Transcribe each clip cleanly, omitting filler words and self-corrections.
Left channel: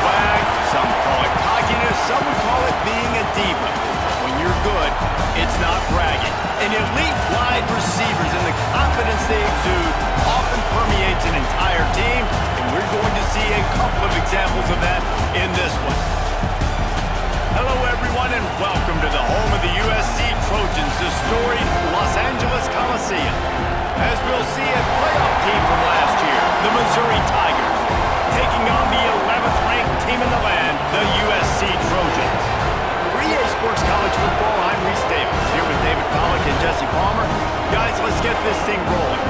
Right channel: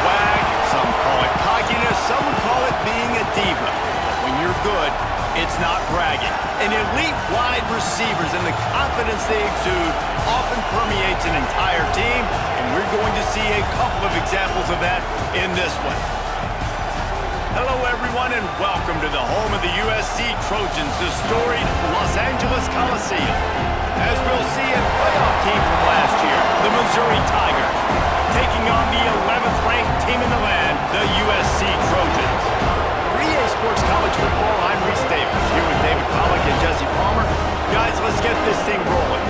swag, some call it cockiness, some would call it being a diva. But when you're good, it's not bragging. And elite wide receivers and the confidence they exude often permeates an entire team, and we're going to see a couple of examples of that in this one. Hello, everyone, and welcome to the home of the USC Trojans, the storied Los Angeles Coliseum. As we'll see, a playoff team from last year, the Missouri Tigers, taking on the 11th-ranked team in the land, the USC Trojans. For EA Sports College Football, I'm Reese Davis, here with David Pollack and Jesse Palmer. Guys, let's get this thing rolling.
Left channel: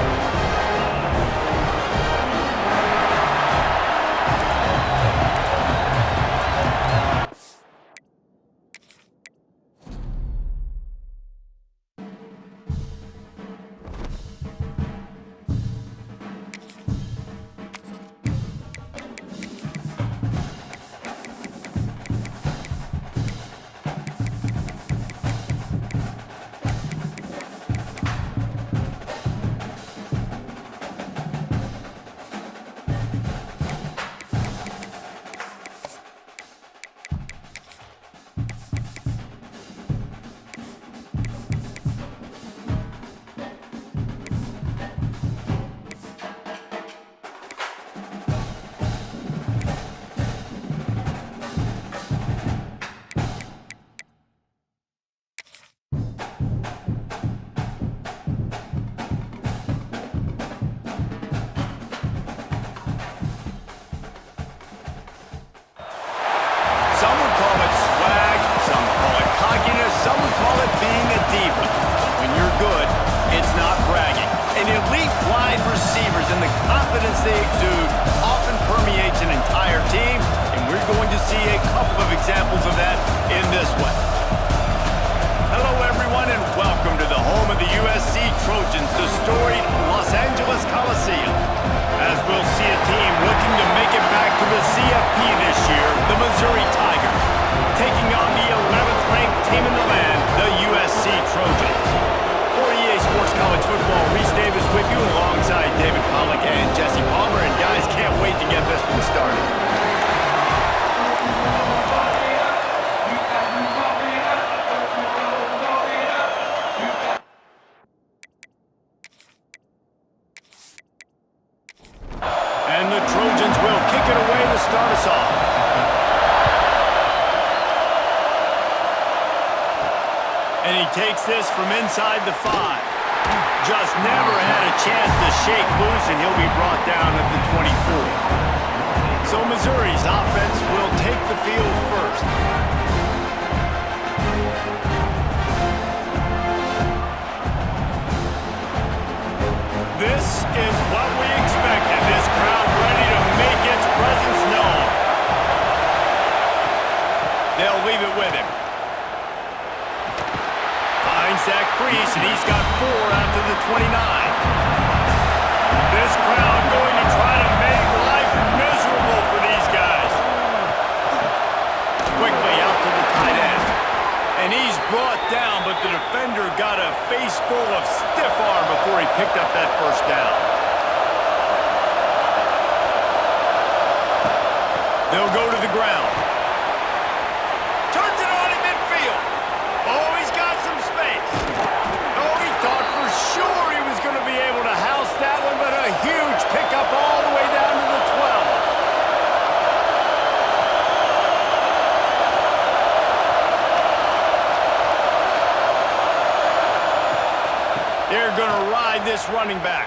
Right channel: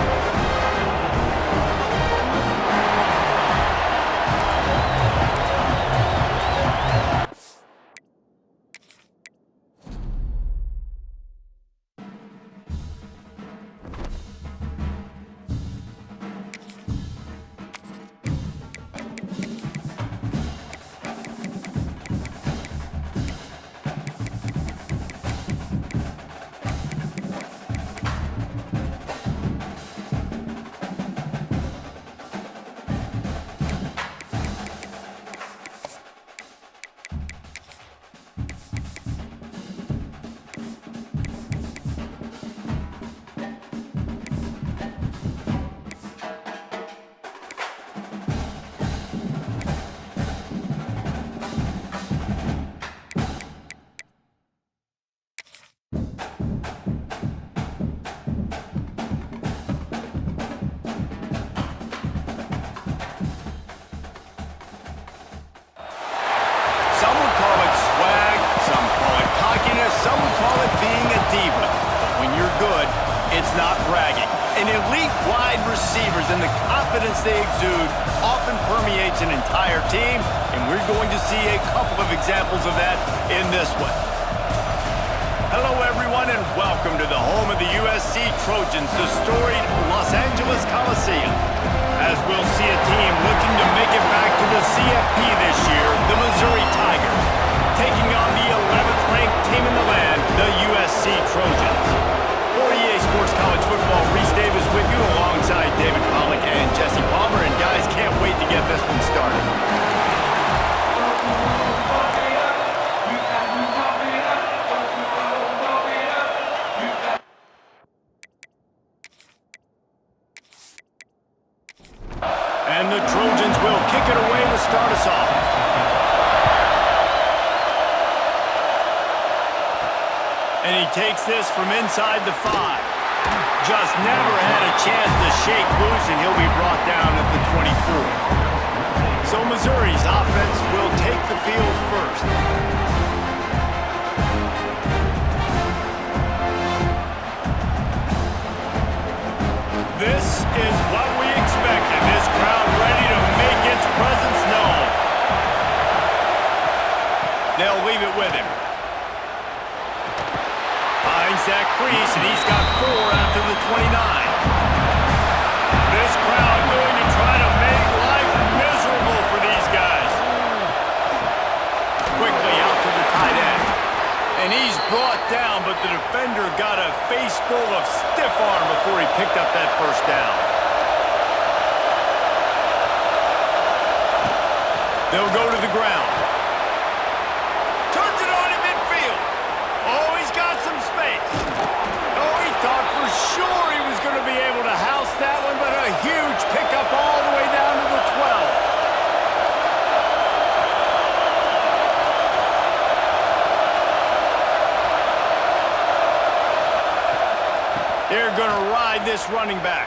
Some would call it swag, some call it cockiness, some would call it being a diva. But when you're good, it's not bragging. And elite wide receivers and the confidence they exude often permeates an entire team, and we're going to see a couple of examples of that in this one. Hello, everyone, and welcome to the home of the USC Trojans, the storied Los Angeles Coliseum. As we'll see a team looking to make it back to the CFP this year, the Missouri Tigers, taking on the 11th-ranked team in the land, the USC Trojans. For EA Sports College Football, Reese Davis with you alongside David Pollack and Jesse Palmer, and guys, can't wait to get this one started. And the Trojans will kick it away to start us off. And he takes this from inside the 5. Just never had a chance to shake loose, and he'll be brought down at the 24. So Missouri's offense will take the field first. This is what we expected. This crowd ready to make its presence known. They'll leave it with him. Finds that crease, and he's got 4 out to the 29. This crowd going to try to make life miserable for these guys. Quickly out to the tight end. And he's brought down, but the defender got a face full of stiff arm before he picked up that first down. They'll go to the ground. Turns it on in midfield. Oh, he's got some space. Oh, he thought for sure he was going to be able to house that one, but a huge pickup all the way down to the 12. They're going to ride this running back.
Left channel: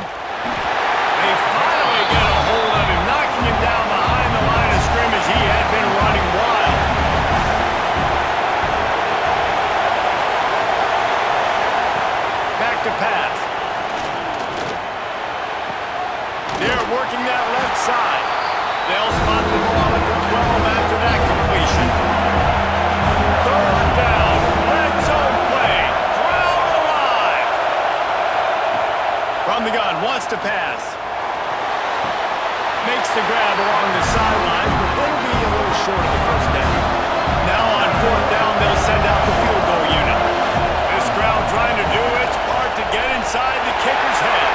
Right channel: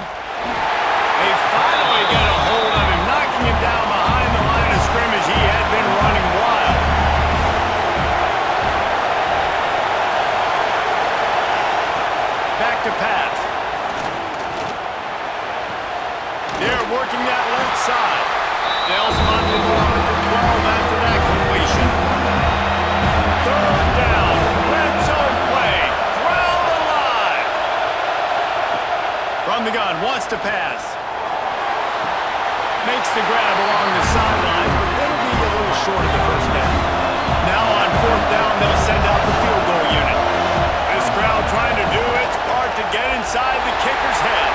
They finally get a hold of him, knocking him down behind the line of scrimmage. He had been running wild. Back to pass. They're working that left side. They'll spot the ball at the 12 after that completion. 3rd down, red zone play. From the gun, wants to pass. Makes the grab along the sidelines, but they'll be a little short of the first down. Now on 4th down, they'll send out the field goal unit. This crowd trying to do its part to get inside the kicker's head.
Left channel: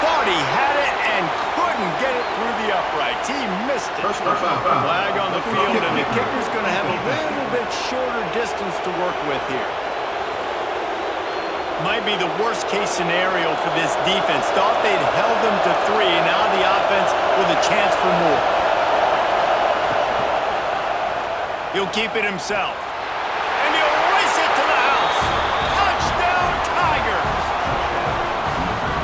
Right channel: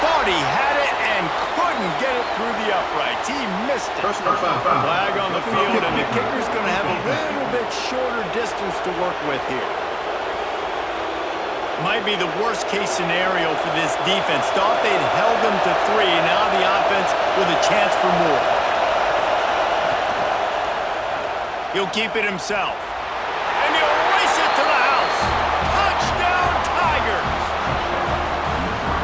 thought he had it and couldn't get it through the uprights. He missed it. Flag on the field, and the kicker's going to have a little bit shorter distance to work with here. Might be the worst-case scenario for this defense. Thought they'd held them to 3. Now the offense with a chance for more. He'll keep it himself. And he'll race it to the house. Touchdown, Tigers!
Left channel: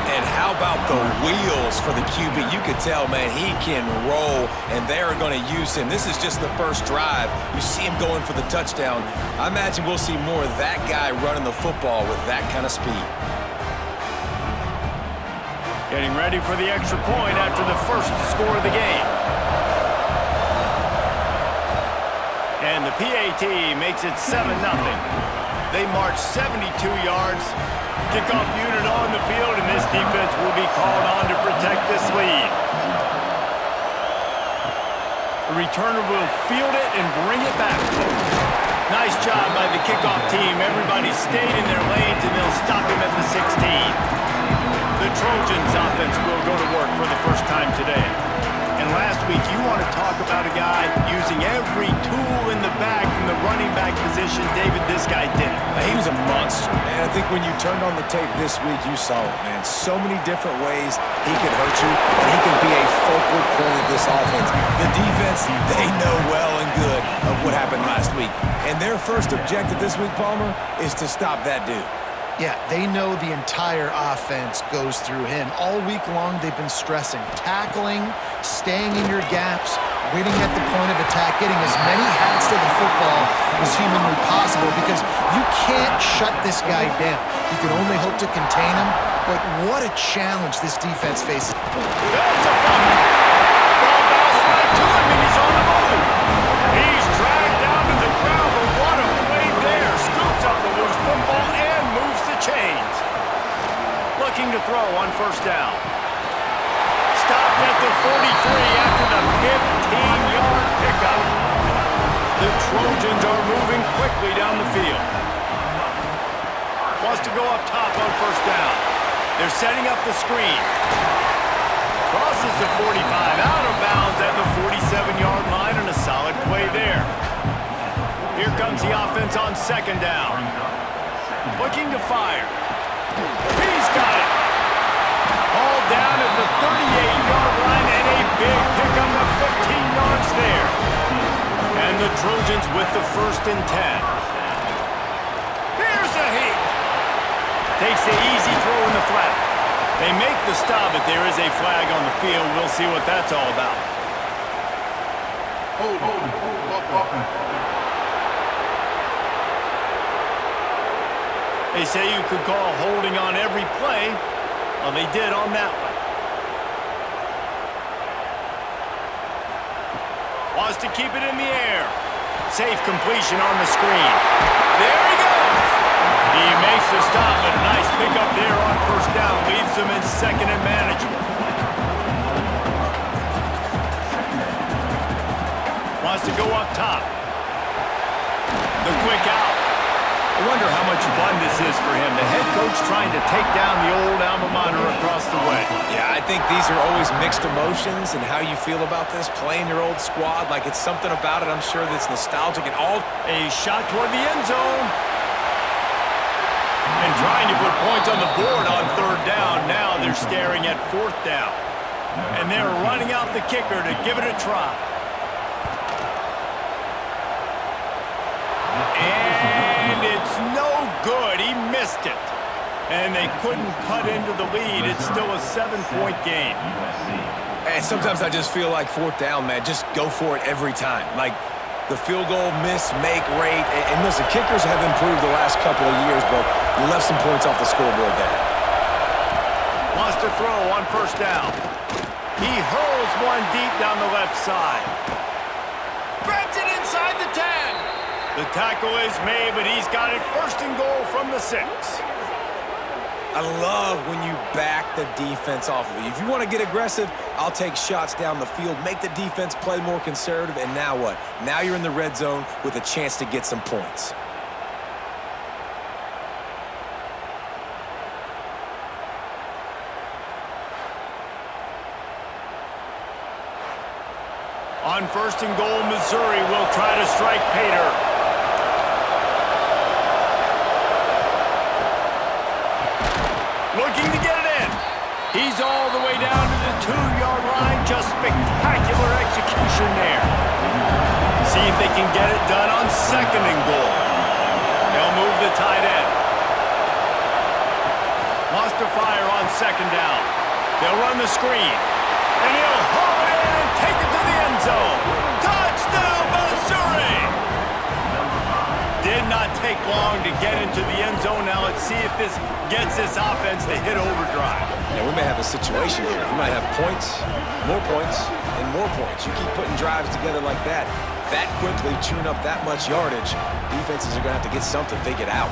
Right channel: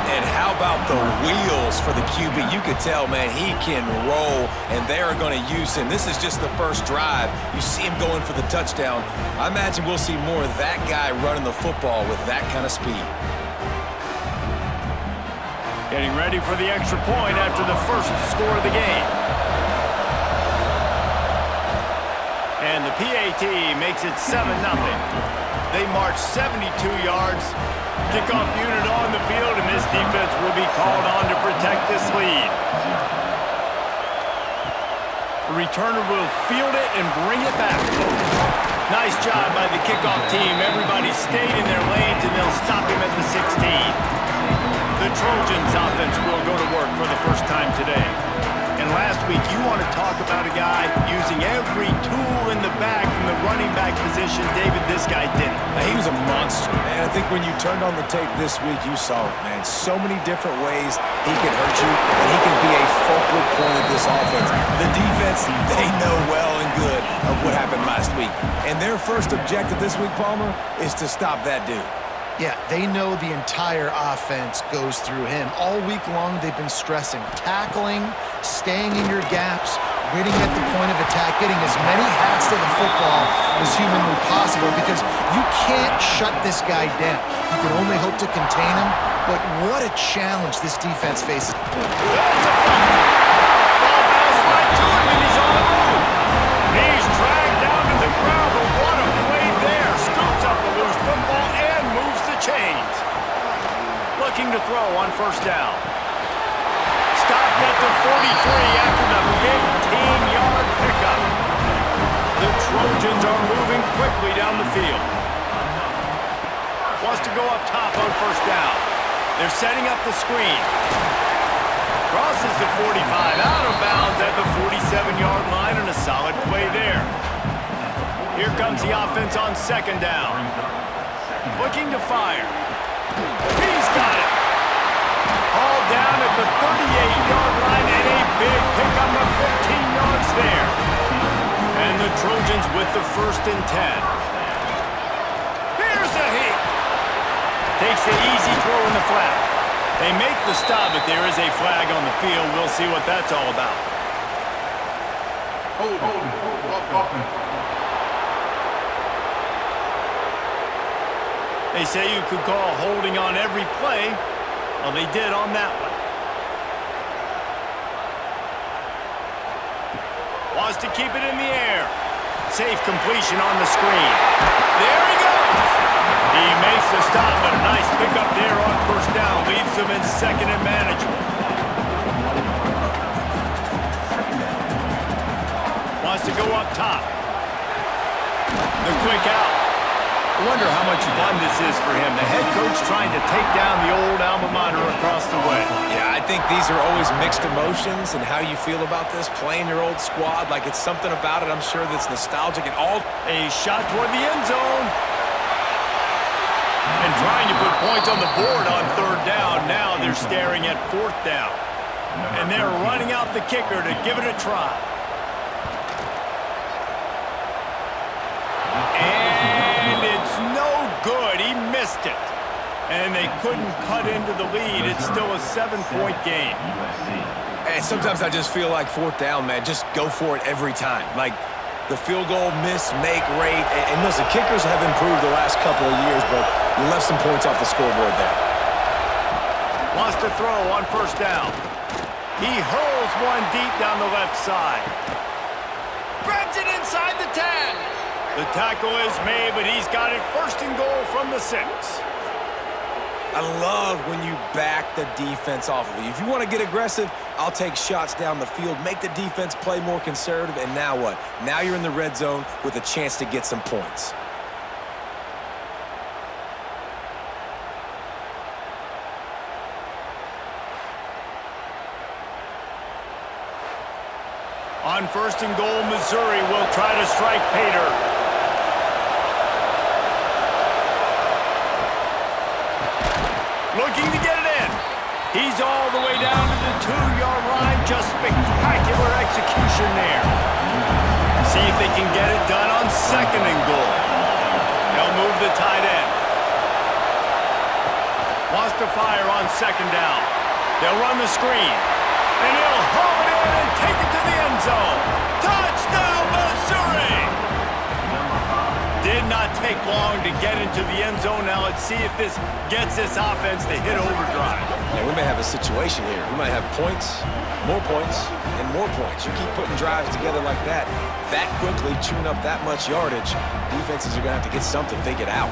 And how about the wheels for the QB? You could tell, man, he can roll, and they are going to use him. This is just the first drive. You see him going for the touchdown. I imagine we'll see more of that guy running the football with that kind of speed. Getting ready for the extra point after the first score of the game. And the PAT makes it 7-0. They march 72 yards. Kickoff unit on the field, and this defense will be called on to protect this lead. The returner will field it and bring it back. Nice job by the kickoff team. Everybody stayed in their lanes, and they'll stop him at the 16. The Trojans offense will go to work for the first time today. And last week, you want to talk about a guy using every tool in the bag from the running back position. David, this guy did it. He was a monster, man. I think when you turned on the tape this week, you saw it, man. So many different ways he could hurt you, and he could be a focal point of this offense. The defense, they know well and good of what happened last week. And their first objective this week, Palmer, is to stop that dude. Yeah, they know the entire offense goes through him. All week long, they've been stressing tackling, staying in your gaps, waiting at the point of attack, getting as many hats to the football as humanly possible, because you can't shut this guy down. You can only hope to contain him, but what a challenge this defense faces. That's a fumble. Ball bounced right to him, and he's on the move. He's dragged down to the ground, but what a play there. Scoops up the loose football and moves the chains. Looking to throw on first down. Stopped at the 43 after the 15-yard pickup. The Trojans are moving quickly down the field. Wants to go up top on first down. They're setting up the screen. Crosses the 45, out of bounds at the 47-yard line, and a solid play there. Here comes the offense on second down. Looking to fire. He's got it. All down at the 38-yard line, and a big pickup of 15 yards there. And the Trojans with the 1st and 10. Here's a heat. Takes the easy throw in the flat. They make the stop, but there is a flag on the field. We'll see what that's all about. Hold. They say you could call holding on every play. Well, they did on that one. Wants to keep it in the air. Safe completion on the screen. There he goes. He makes the stop, but a nice pickup there on first down. Leaves them in second and manageable. Wants to go up top. The quick out. I wonder how much fun this is for him. The head coach trying to take down the old alma mater across the way. Yeah, I think these are always mixed emotions, and how you feel about this, playing your old squad. Like, it's something about it, I'm sure, that's nostalgic and all. A shot toward the end zone. And trying to put points on the board on third down. Now they're staring at fourth down. And they're running out the kicker to give it a try. And it's no good. He missed it. And they couldn't cut into the lead. It's still a 7-point game. And sometimes I just feel like fourth down, man, just go for it every time. Like, the field goal miss-make rate. And listen, kickers have improved the last couple of years, but you left some points off the scoreboard there. Wants to throw on first down. He hurls one deep down the left side. Grabs it inside the 10. The tackle is made, but he's got it first and goal from the 6. I love when you back the defense off of you. If you want to get aggressive, I'll take shots down the field, make the defense play more conservative, and now what? Now you're in the red zone with a chance to get some points. On 1st and goal, Missouri will try to strike Pater. Looking to get it in. He's all the way down to the 2-yard line. Just spectacular execution there. See if they can get it done on 2nd and goal. They'll move the tight end. Wants to fire on 2nd down. They'll run the screen. And he'll haul it in and take it to the end zone. Touchdown, Missouri! Did not take long to get into the end zone. Now let's see if this gets this offense to hit overdrive. Yeah, we may have a situation here. We might have points, and more points. You keep putting drives together like that quickly, chewing up that much yardage, defenses are going to have to get something figured out.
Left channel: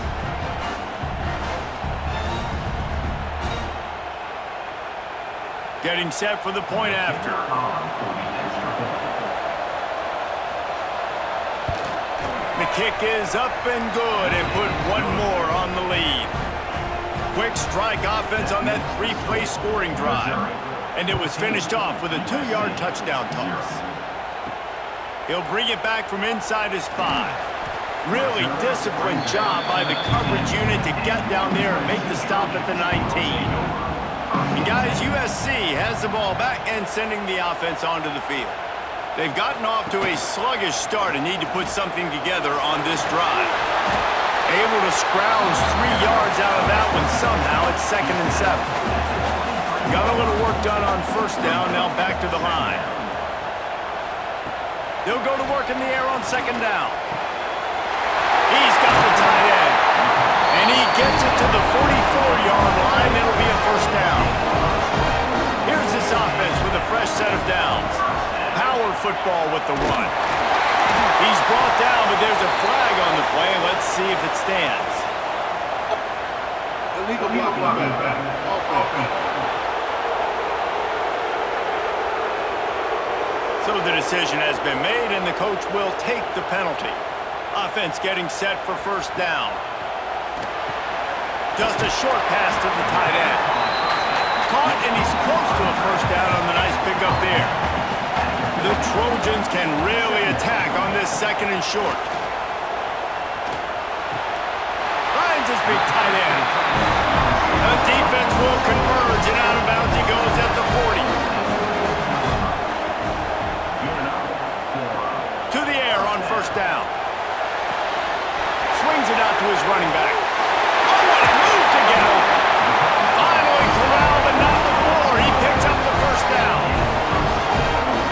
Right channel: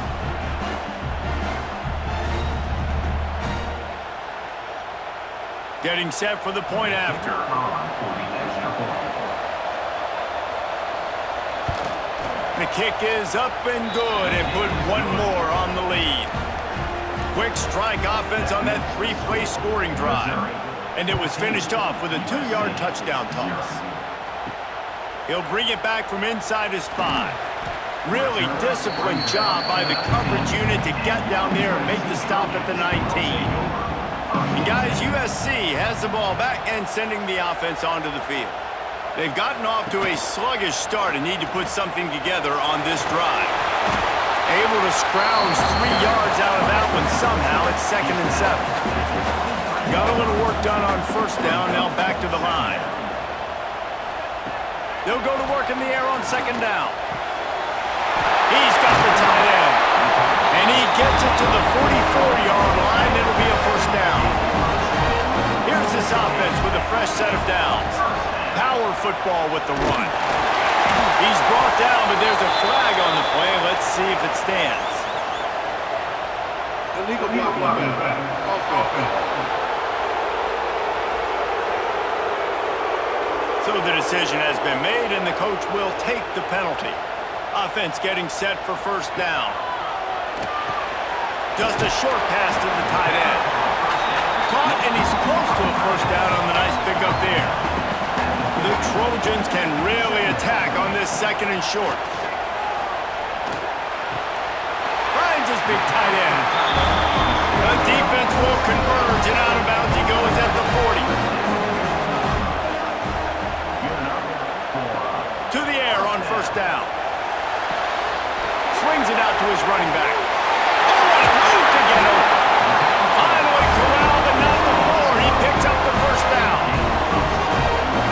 Getting set for the point after. The kick is up and good and put one more on the lead. Quick strike offense on that 3-play scoring drive. And it was finished off with a 2-yard touchdown toss. He'll bring it back from inside his 5. Really disciplined job by the coverage unit to get down there and make the stop at the 19. And guys, USC has the ball back and sending the offense onto the field. They've gotten off to a sluggish start and need to put something together on this drive. Able to scrounge 3 yards out of that one somehow. It's 2nd and 7. Got a little work done on 1st down, now back to the line. They'll go to work in the air on 2nd down. He's got the tight end. And he gets it to the 44-yard line. It'll be a 1st down. Here's this offense with a fresh set of downs. Power football with the run. He's brought down, but there's a flag on the play. Let's see if it stands. Illegal blocking. So the decision has been made, and the coach will take the penalty. Offense getting set for 1st down. Just a short pass to the tight end. Caught, and he's close to a 1st down on the nice pickup there. The Trojans can really attack on this 2nd and short. Finds his big tight end. The defense will converge, and out of bounds he goes at the 40. To the air on 1st down. Swings it out to his running back. Oh, what a move to get open. Finally corralled, but not before. He picks up the 1st down.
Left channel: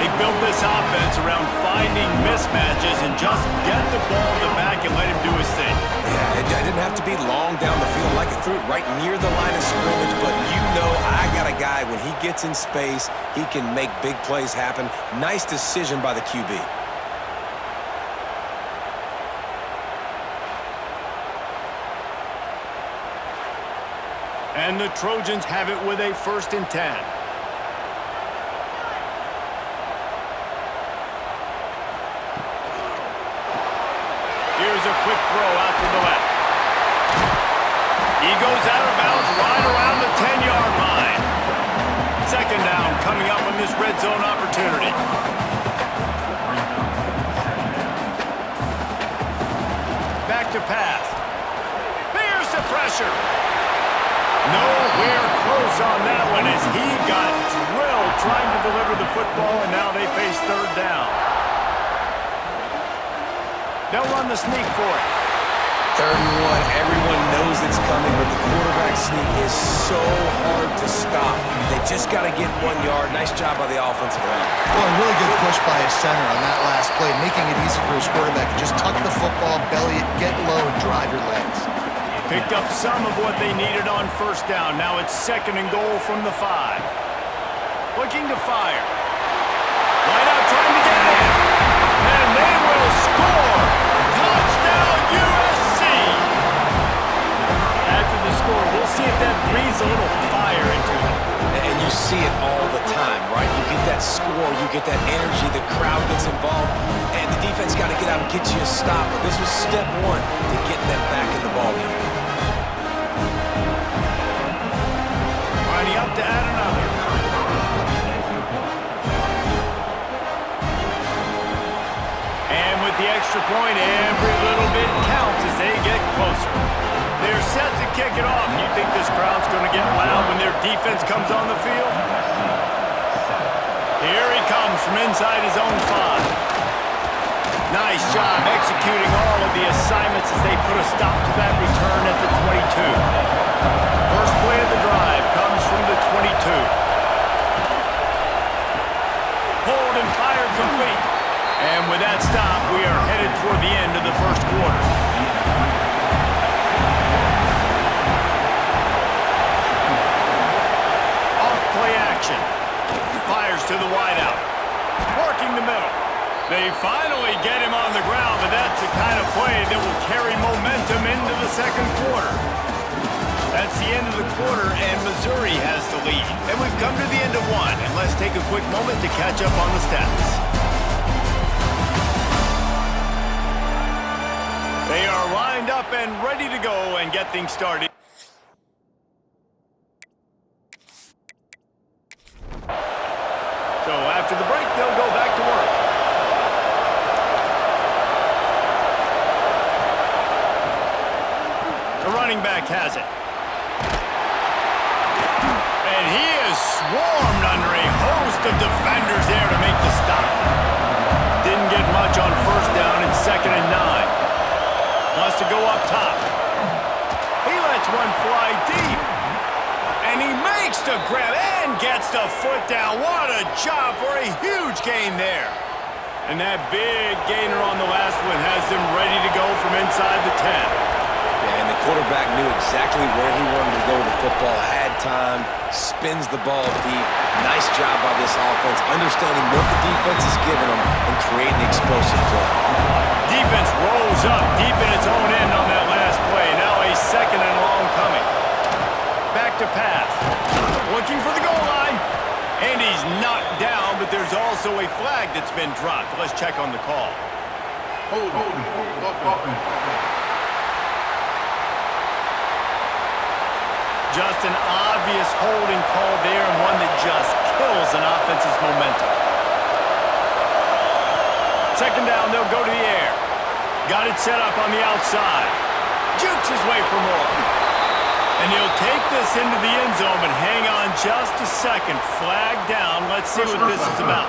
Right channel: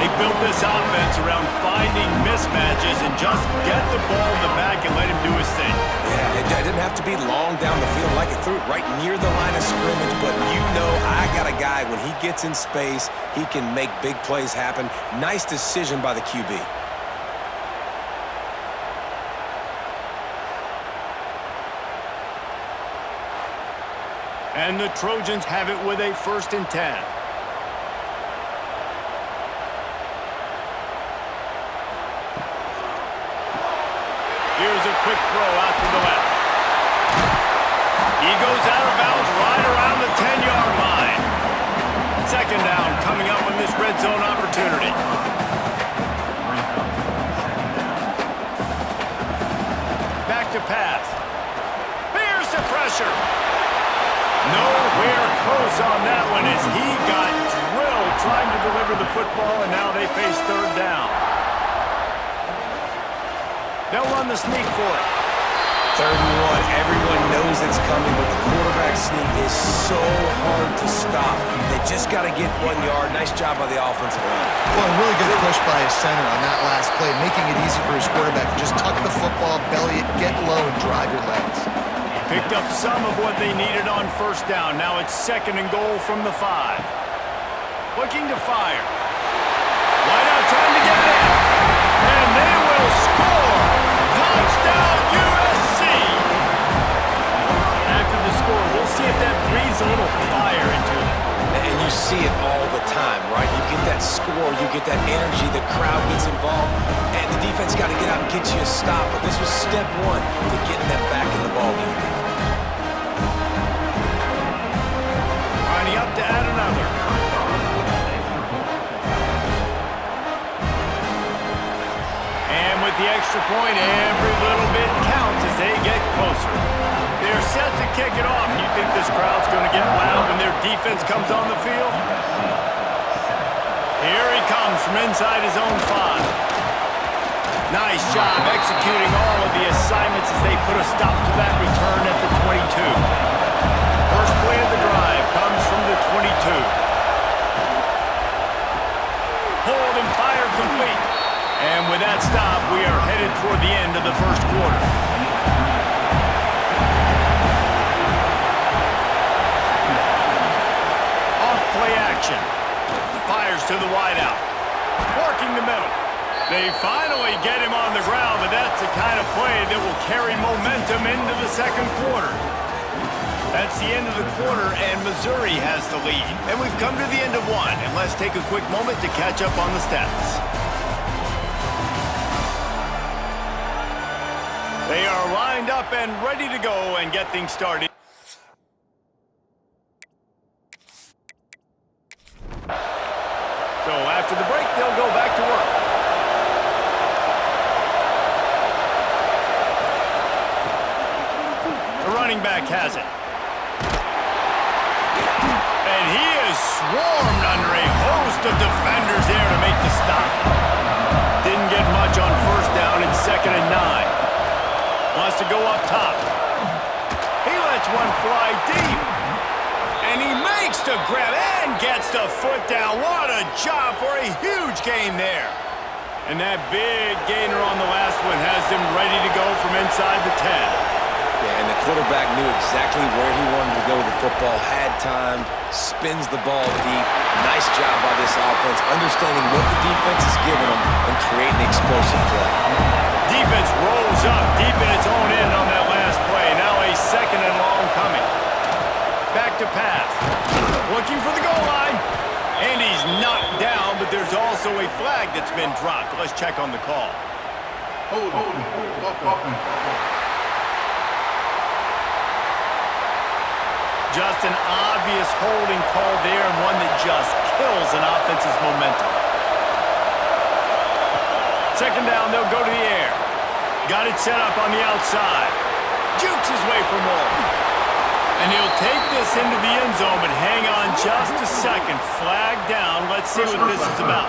They built this offense around finding mismatches and just get the ball in the back and let him do his thing. Yeah, it didn't have to be long down the field. Like it threw it right near the line of scrimmage, but you know I got a guy, when he gets in space, he can make big plays happen. Nice decision by the QB. And the Trojans have it with a 1st and 10. Here's a quick throw out to the left. He goes out of bounds right around the 10-yard line. 2nd down coming up on this red zone opportunity. Back to pass. Here's the pressure. Nowhere close on that one as he got drilled trying to deliver the football, and now they face 3rd down. They'll run the sneak for it. 3rd and 1, everyone knows it's coming, but the quarterback sneak is so hard to stop. They just got to get 1 yard. Nice job by the offensive line. Well, a really good push by his center on that last play, making it easy for his quarterback to just tuck the football, belly it, get low, and drive your legs. Picked up some of what they needed on 1st down. Now it's 2nd and goal from the 5. Looking to fire. Wide out trying to get it in. And they will score. Touchdown USC. After the score, we'll see if that breathes a little fire into them. And you see it all the time, right? You get that score, you get that energy, the crowd gets involved, and the defense got to get out and get you a stop. But this was step 1 to getting them back in the ballgame. Lining up to add another. And with the extra point, every little bit counts as they get closer. They're set to kick it off. You think this crowd's going to get loud when their defense comes on the field? Here he comes from inside his own 5. Nice job executing all of the assignments as they put a stop to that return at the 22. First play of the drive comes from the 22. Hold and fire complete. And with that stop, we are headed toward the end of the first quarter. Off play action. Fires to the wideout. Working the middle. They finally get him on the ground, but that's the kind of play that will carry momentum into the second quarter. That's the end of the quarter, and Missouri has the lead. And we've come to the end of one, and let's take a quick moment to catch up on the stats. They are lined up and ready to go and get things started. So after the break, they'll go back to work. The running back has it. And he is swarmed under a host of defenders there to make the stop. Didn't get much on first down. It's 2nd and 9. Wants to go up top. He lets one fly deep. And he makes the grab and gets the foot down. What a job for a huge gain there. And that big gainer on the last one has them ready to go from inside the 10. Yeah, and the quarterback knew exactly where he wanted to go with the football, had time, spins the ball deep. Nice job by this offense, understanding what the defense is giving them and creating explosive play. Defense rolls up deep in its own end on that last play. Now a 2nd and long coming. Back to pass. Looking for the goal line. And he's knocked down, but there's also a flag that's been dropped. Let's check on the call. Hold. Just an obvious holding call there, and one that just kills an offense's momentum. 2nd down, they'll go to the air. Got it set up on the outside. Jukes his way for more. And he'll take this into the end zone, but hang on just a second. Flag down. Let's see what this is about.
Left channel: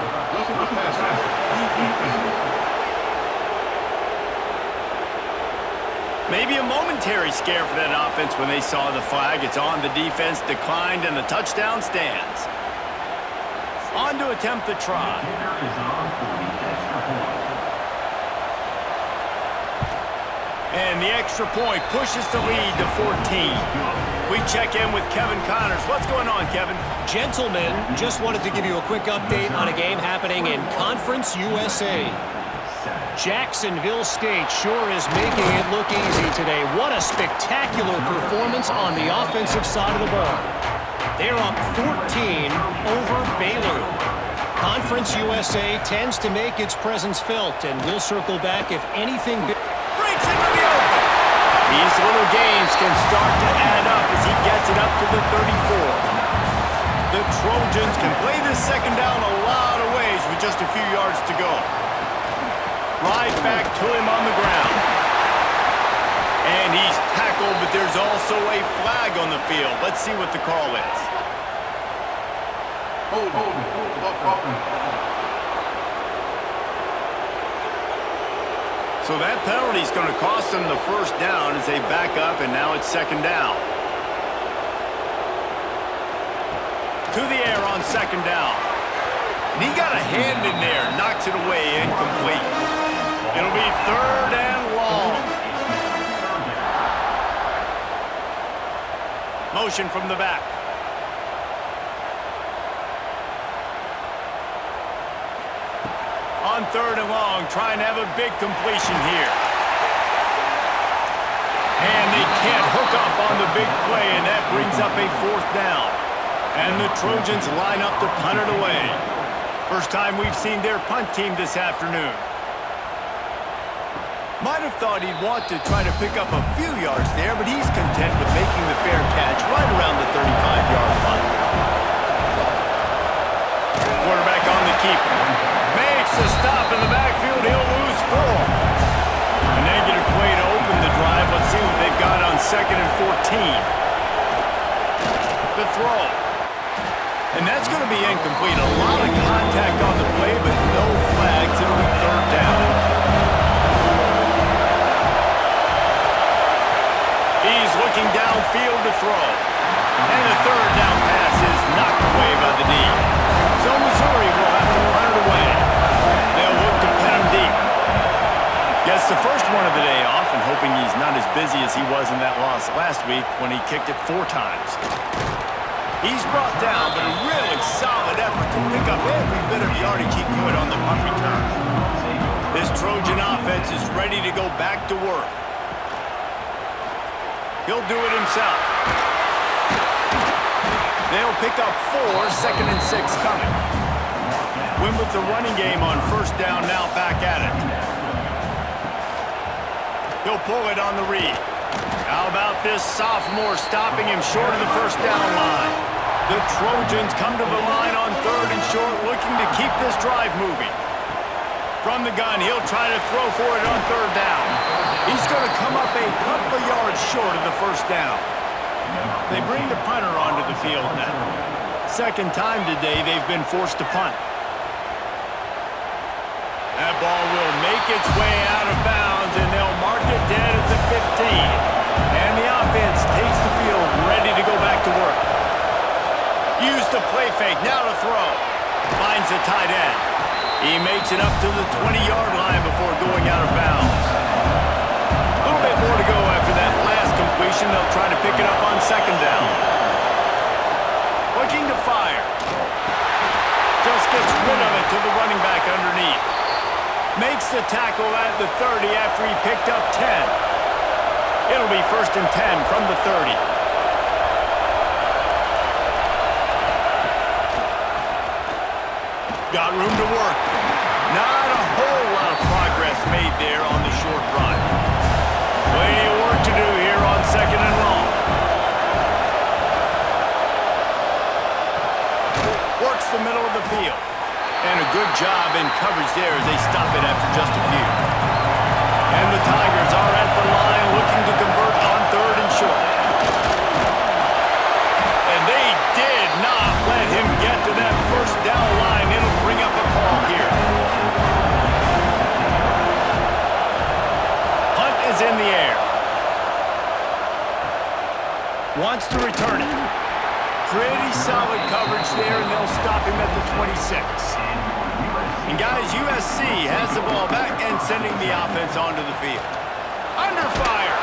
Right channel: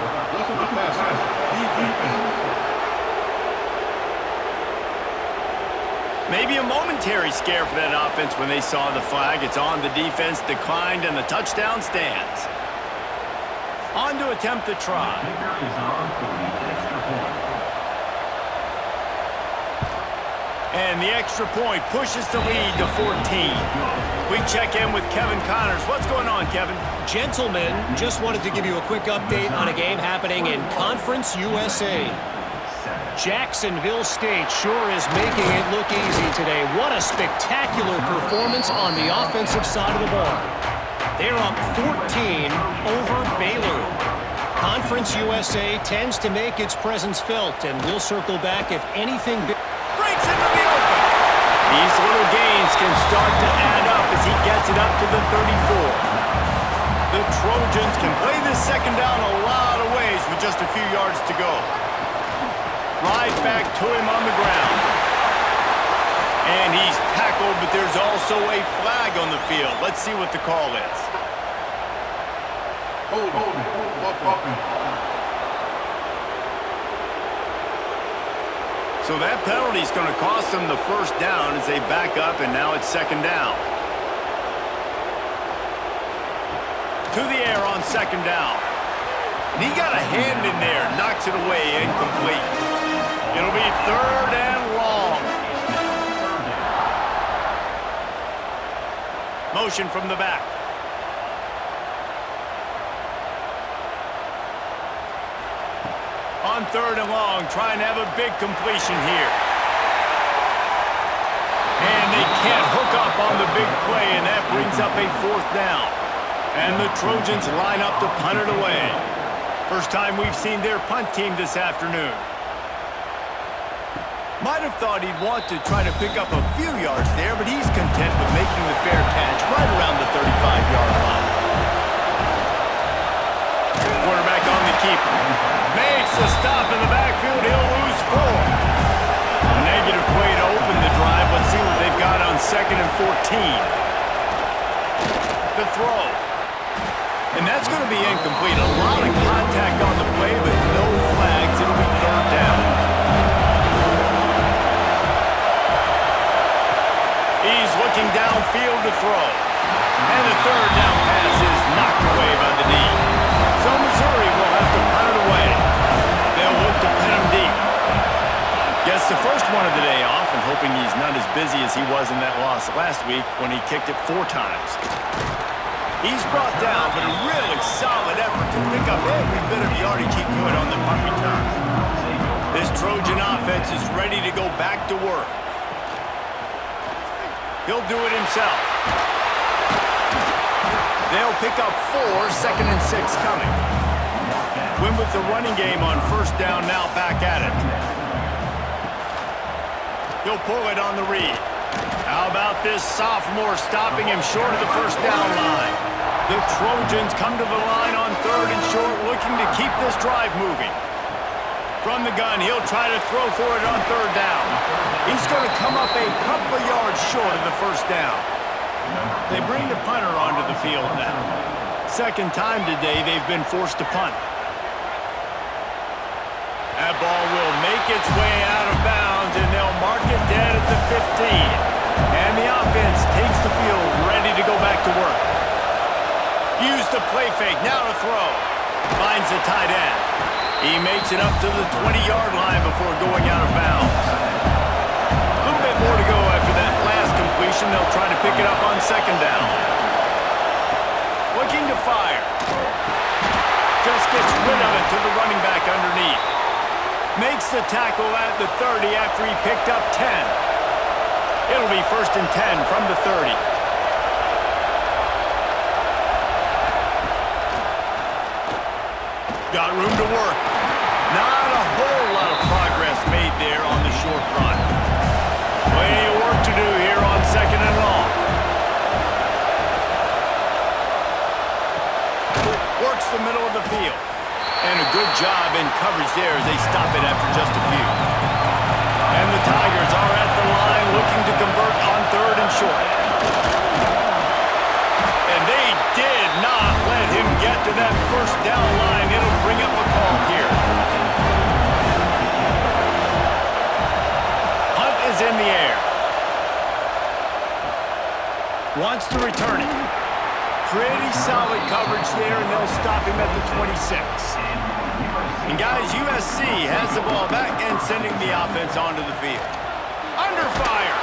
Maybe a momentary scare for that offense when they saw the flag. It's on the defense, declined, and the touchdown stands. On to attempt the try. And the extra point pushes the lead to 14. We check in with Kevin Connors. What's going on, Kevin? Gentlemen, just wanted to give you a quick update on a game happening in Conference USA. Jacksonville State sure is making it look easy today. What a spectacular performance on the offensive side of the ball. They're up 14 over Baylor. Conference USA tends to make its presence felt, and we'll circle back if anything breaks into the open. These little gains can start to add up as he gets it up to the 34. The Trojans can play this 2nd down a lot of ways with just a few yards to go. Right back to him on the ground. And he's tackled, but there's also a flag on the field. Let's see what the call is. Hold. So that penalty is going to cost them the 1st down as they back up, and now it's 2nd down. To the air on 2nd down. And he got a hand in there, knocks it away, incomplete. It'll be 3rd and long. Motion from the back. On 3rd and long, trying to have a big completion here. And they can't hook up on the big play, and that brings up a 4th down. And the Trojans line up to punt it away. First time we've seen their punt team this afternoon. Might have thought he'd want to try to pick up a few yards there, but he's content with making the fair catch right around the 35-yard line. Quarterback on the keeper. Makes Forced to stop in the backfield. He'll lose 4. A negative play to open the drive. Let's see what they've got on 2nd and 14. The throw. And that's going to be incomplete. A lot of contact on the play, but no flags. It'll be 3rd down. He's looking downfield to throw. And the 3rd down pass is knocked away by the D. So Missouri will have to punt it away. They'll look to pin him deep. Gets the first one of the day off and hoping he's not as busy as he was in that loss last week when he kicked it 4 times. He's brought down, but a really solid effort to pick up every bit of yardage he could on the punt return. This Trojan offense is ready to go back to work. He'll do it himself. They'll pick up 4, 2nd and 6 coming. Win with the running game on 1st down, now back at it. He'll pull it on the read. How about this sophomore stopping him short of the 1st down line? The Trojans come to the line on 3rd and short, looking to keep this drive moving. From the gun, he'll try to throw for it on 3rd down. He's going to come up a couple of yards short of the 1st down. They bring the punter onto the field now. 2nd time today they've been forced to punt. That ball will make its way out of bounds, and they'll mark it dead at the 15. And the offense takes the field, ready to go back to work. Use the play fake, now to throw. Finds the tight end. He makes it up to the 20-yard line before going out of bounds. A little bit more to go after that last completion. They'll try to pick it up on 2nd down. Looking to fire. Just gets rid of it to the running back underneath. Makes the tackle at the 30 after he picked up 10. It'll be 1st and 10 from the 30. Got room to work. Not a whole lot of progress made there on the short run. Plenty of work to do here on 2nd and long. Works the middle of the field. And a good job in coverage there as they stop it after just a few. And the Tigers are at the line looking to convert on 3rd and short. And they did not let him get to that 1st down line. It'll bring up a call here. Hunt is in the air. Wants to return it. Pretty solid coverage there, and they'll stop him at the 26. And guys, USC has the ball back and sending the offense onto the field. Under fire.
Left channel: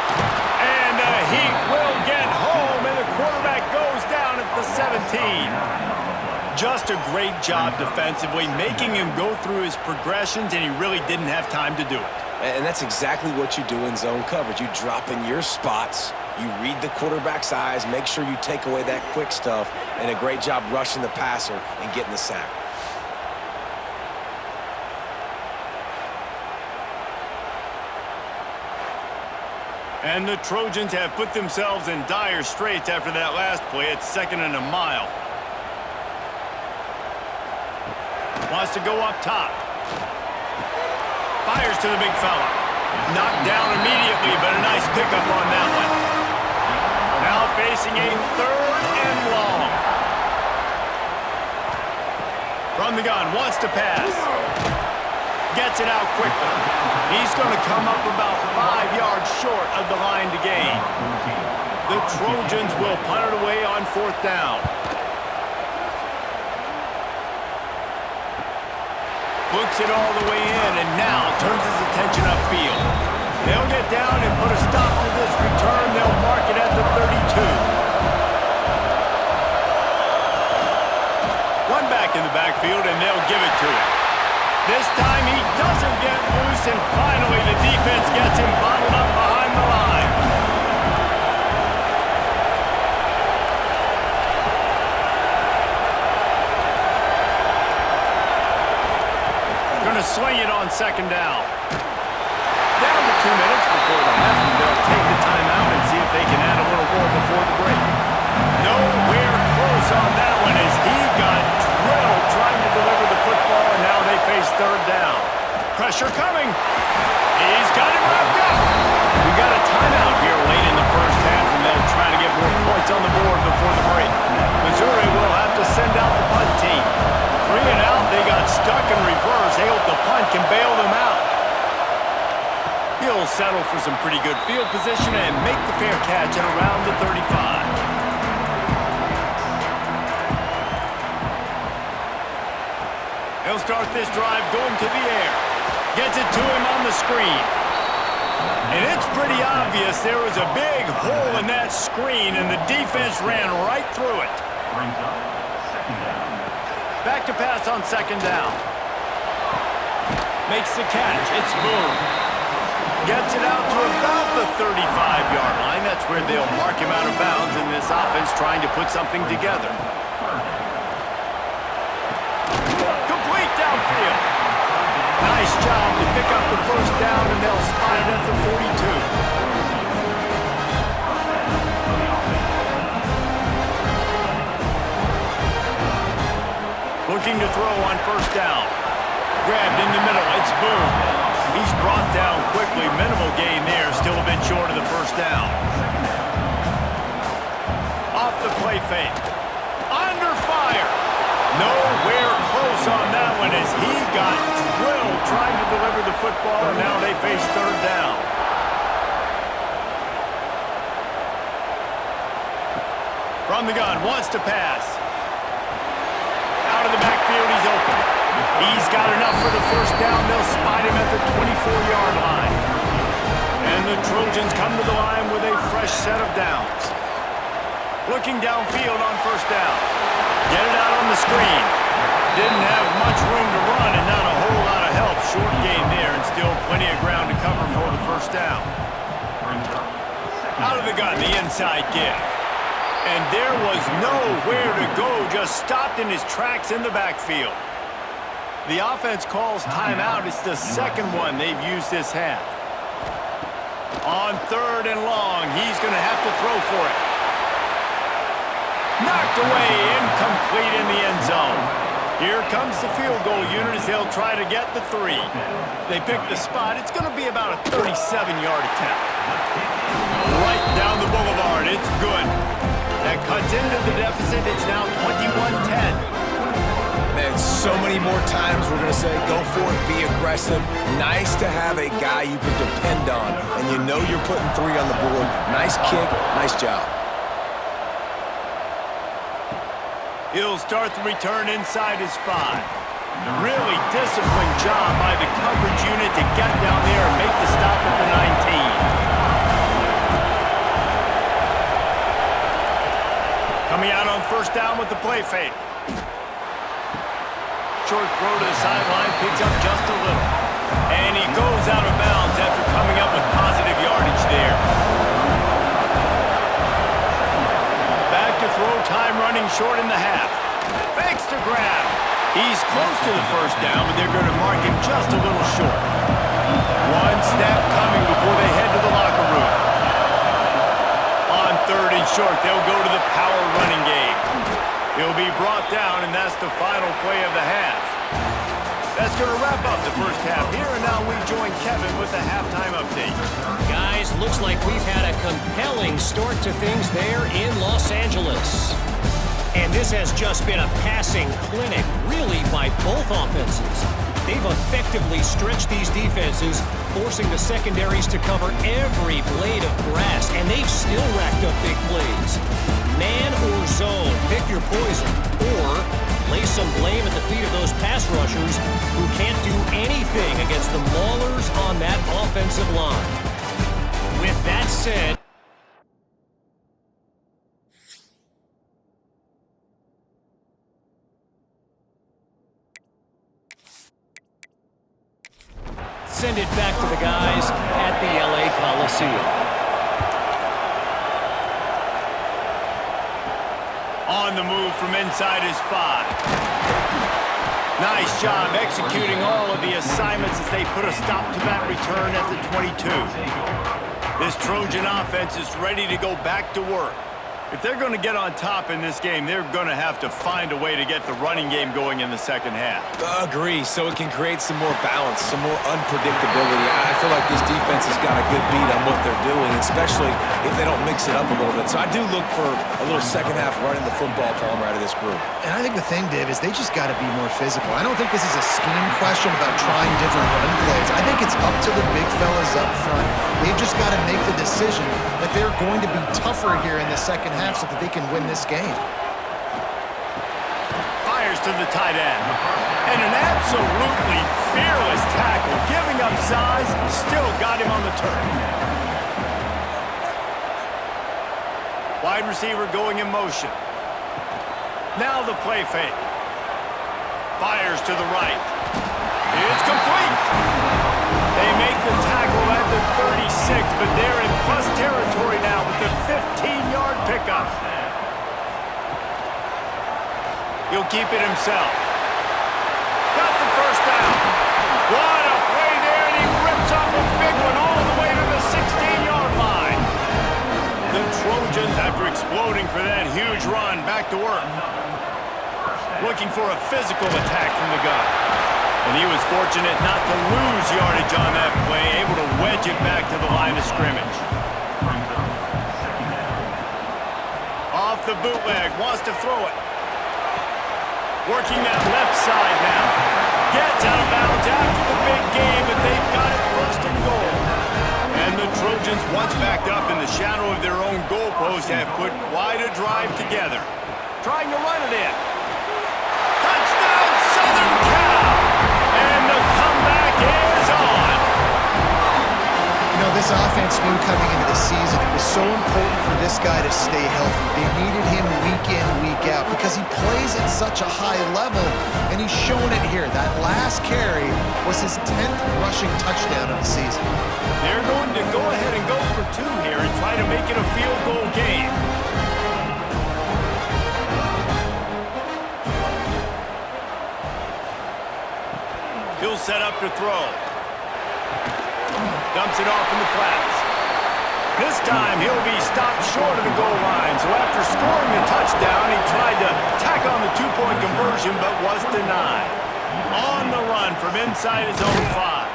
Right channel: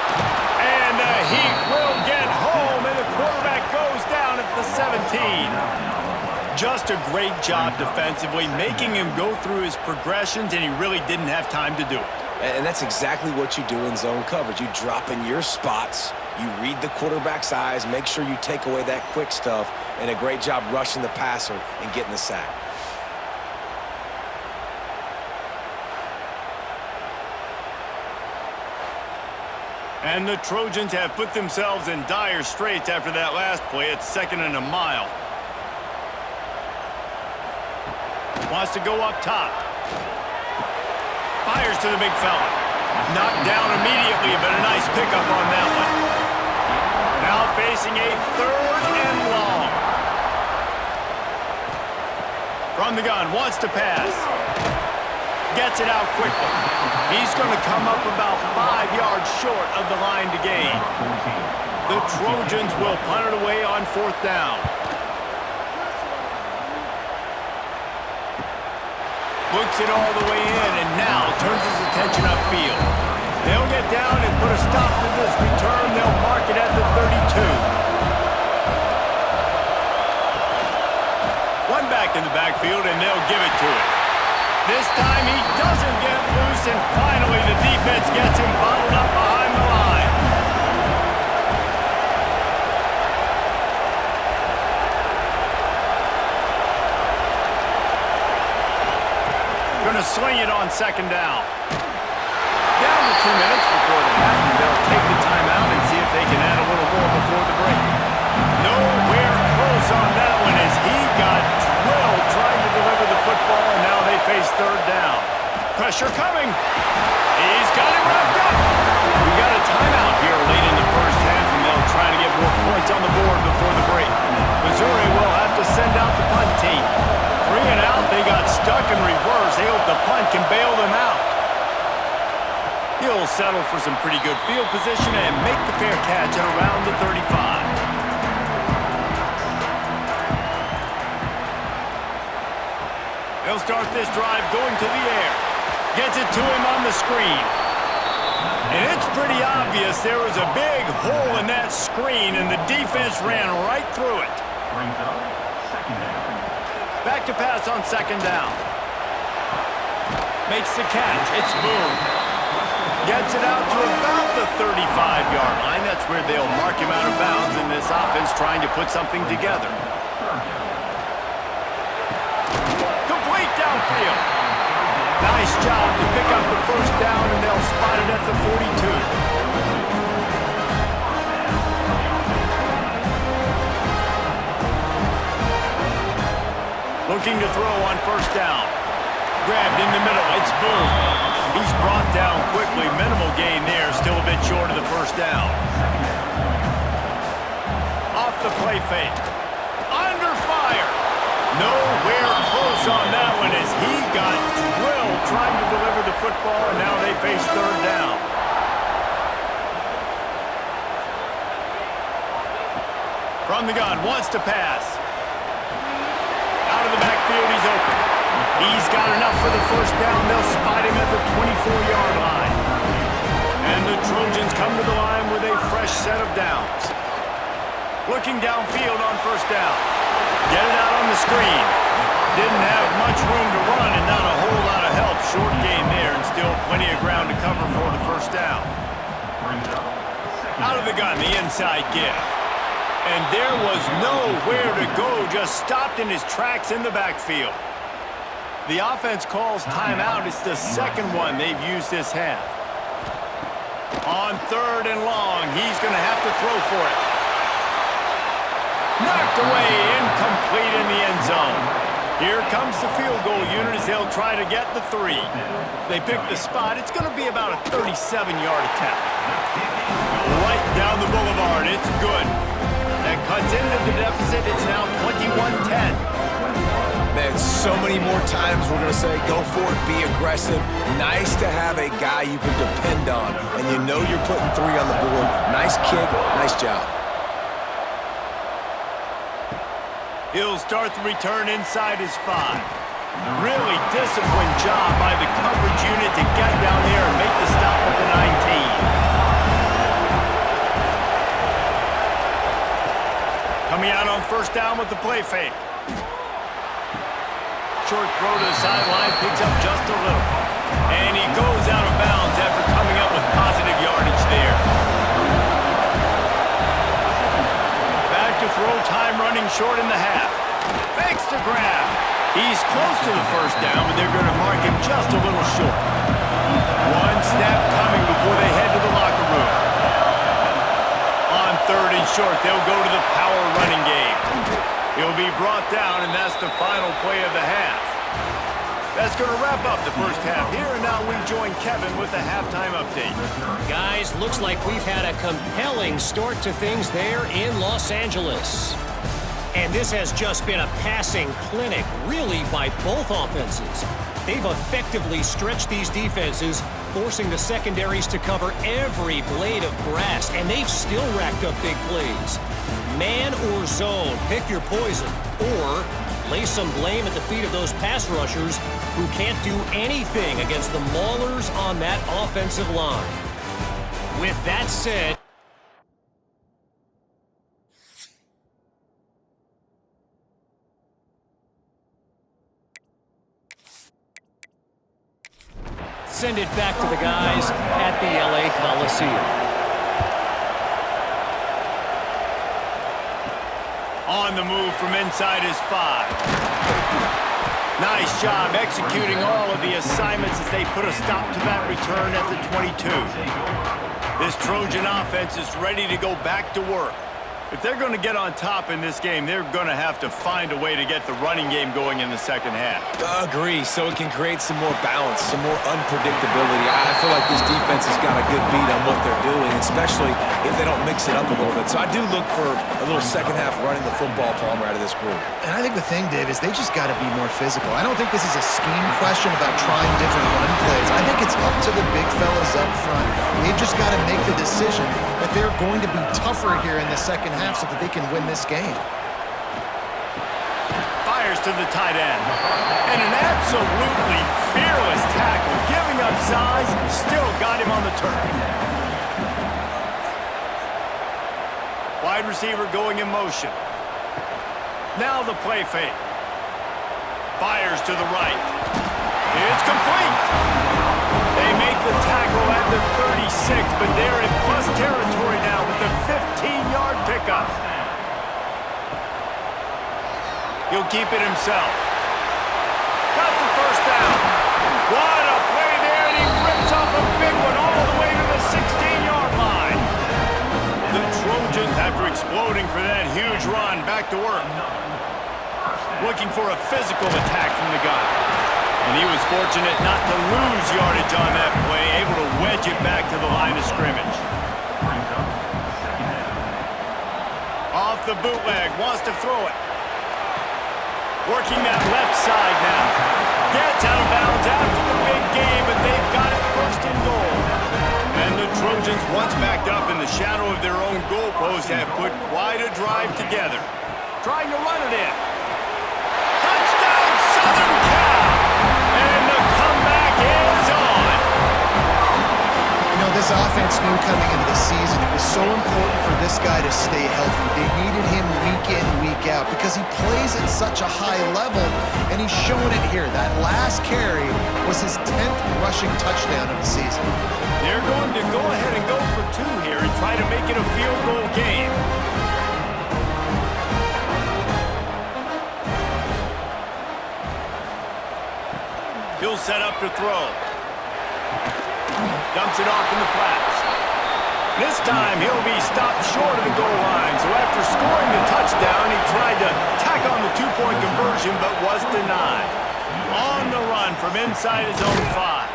And the Heat will get home, and the quarterback goes down at the 17. Just a great job defensively, making him go through his progressions, and he really didn't have time to do it. And that's exactly what you do in zone coverage. You drop in your spots, you read the quarterback's eyes, make sure you take away that quick stuff, and a great job rushing the passer and getting the sack. And the Trojans have put themselves in dire straits after that last play. It's 2nd and a mile. Wants to go up top. Fires to the big fella. Knocked down immediately, but a nice pickup on that one. Now facing a 3rd and long. From the gun, wants to pass. Gets it out quickly. He's going to come up about 5 yards short of the line to gain. The Trojans will punt it away on 4th down. Looks it all the way in, and now turns his attention upfield. They'll get down and put a stop to this return. They'll mark it at the 32. One back in the backfield, and they'll give it to him. This time he doesn't get loose, and finally the defense gets him bottled up behind the line. Going to sling it on 2nd down. Down to 2 minutes before the half, and they'll take the timeout and see if they can add a little more before the break. Nowhere close on that one as he got drilled trying to deliver the football, and now they face third down. Pressure coming. He's got it wrapped up. We got a timeout here late in the first half, and they'll try to get more points on the board before the break. Missouri will have to send out the punt team. 3 and out, they got stuck in reverse. They hope the punt can bail them out. He'll settle for some pretty good field position and make the fair catch at around the 35. He'll start this drive going to the air. Gets it to him on the screen. And it's pretty obvious there was a big hole in that screen, and the defense ran right through it. Brings up second down. Back to pass on second down. Makes the catch. It's Boone. Gets it out to about the 35-yard line. That's where they'll mark him out of bounds in this offense trying to put something together. Complete downfield. Nice job to pick up the first down, and they'll spot it at the 42. Looking to throw on first down. Grabbed in the middle. It's Boone. He's brought down quickly. Minimal gain there. Still a bit short of the first down. Off the play fake. Under fire. Nowhere close on that one as he got drilled trying to deliver the football, and now they face third down. From the gun, wants to pass. Out of the backfield, he's open. He's got enough for the first down. They'll spot him at the 24-yard line. And the Trojans come to the line with a fresh set of downs. Looking downfield on first down. Get it out on the screen. Didn't have much room to run and not a whole lot of help. Short gain there and still plenty of ground to cover for the first down. Out of the gun, the inside give. And there was nowhere to go, just stopped in his tracks in the backfield. The offense calls timeout. It's the second one they've used this half. On third and long, he's going to have to throw for it. Knocked away, incomplete in the end zone. Here comes the field goal unit as they'll try to get the 3. They pick the spot. It's going to be about a 37-yard attempt. Right down the boulevard. It's good. That cuts into the deficit. It's now 21-10. Man, so many more times we're going to say, go for it, be aggressive. Nice to have a guy you can depend on, and you know you're putting 3 on the board. Nice kick, nice job. He'll start the return inside his 5. Really disciplined job by the coverage unit to get down there and make the stop at the 19. Coming out on first down with the play fake. Short throw to the sideline, picks up just a little. And he goes out of bounds after coming up with positive yardage there. Back to throw, time running short in the half. Fakes to grab. He's close to the first down, but they're going to mark him just a little short. One snap coming before they head to the locker room. On third and short, they'll go to the power running game. He'll be brought down, and that's the final play of the half. That's going to wrap up the first half here, and now we join Kevin with the halftime update. Guys, looks like we've had a compelling start to things there in Los Angeles. And this has just been a passing clinic, really, by both offenses. They've effectively stretched these defenses, forcing the secondaries to cover every blade of grass, and they've still racked up big plays. Man or zone, pick your poison, or lay some blame at the feet of those pass rushers who can't do anything against the maulers on that offensive line. With that said, send it back to the guys at the LA Coliseum. On the move from inside his 5. Nice job executing all of the assignments as they put a stop to that return at the 22. This Trojan offense is ready to go back to work. If they're going to get on top in this game, they're going to have to find a way to get the running game going in the second half. Agree, so it can create some more balance, some more unpredictability. I feel like this defense has got a good beat on what they're doing, especially if they don't mix it up a little bit. So I do look for a little second half running the football, Palmer, out of this group. And I think the thing, Dave, is they just got to be more physical. I don't think this is a scheme question about trying different run plays. I think it's up to the big fellas up front. They've just got to make the decision that they're going to be tougher here in the second half so that they can win this game. Fires to the tight end. And an absolutely fearless tackle, giving up size, still got him on the turf. Wide receiver going in motion. Now the play fake. Fires to the right. It's complete. They make the tackle at the 36, but they're in plus territory now with the 15-yard pickup. He'll keep it himself. Got the first down. What a play there, and he rips off a big one all the way to the 16-yard line. The Trojans, after exploding for that huge run, back to work. Looking for a physical attack from the gun. And he was fortunate not to lose yardage on that play, able to wedge it back to the line of scrimmage. Off the bootleg, wants to throw it. Working that left side now. Gets out of bounds after the big game, but they've got it first and goal. And the Trojans, once backed up in the shadow of their own goalpost, have put quite a drive together. Trying to run it in. Touchdown, Southern Cal! And the comeback is on. You know, this offense knew coming into the season it was so important for this guy to stay healthy. They needed him week in, week out because he plays at such a high level, and he's showing it here. That last carry was his 10th rushing touchdown of the season. They're going to go ahead and go for two here and try to make it a field goal game. He'll set up to throw. Dumps it off in the flats. This time, he'll be stopped short of the goal line. So after scoring the touchdown, he tried to tack on the two-point conversion, but was denied. On the run from inside his own 5.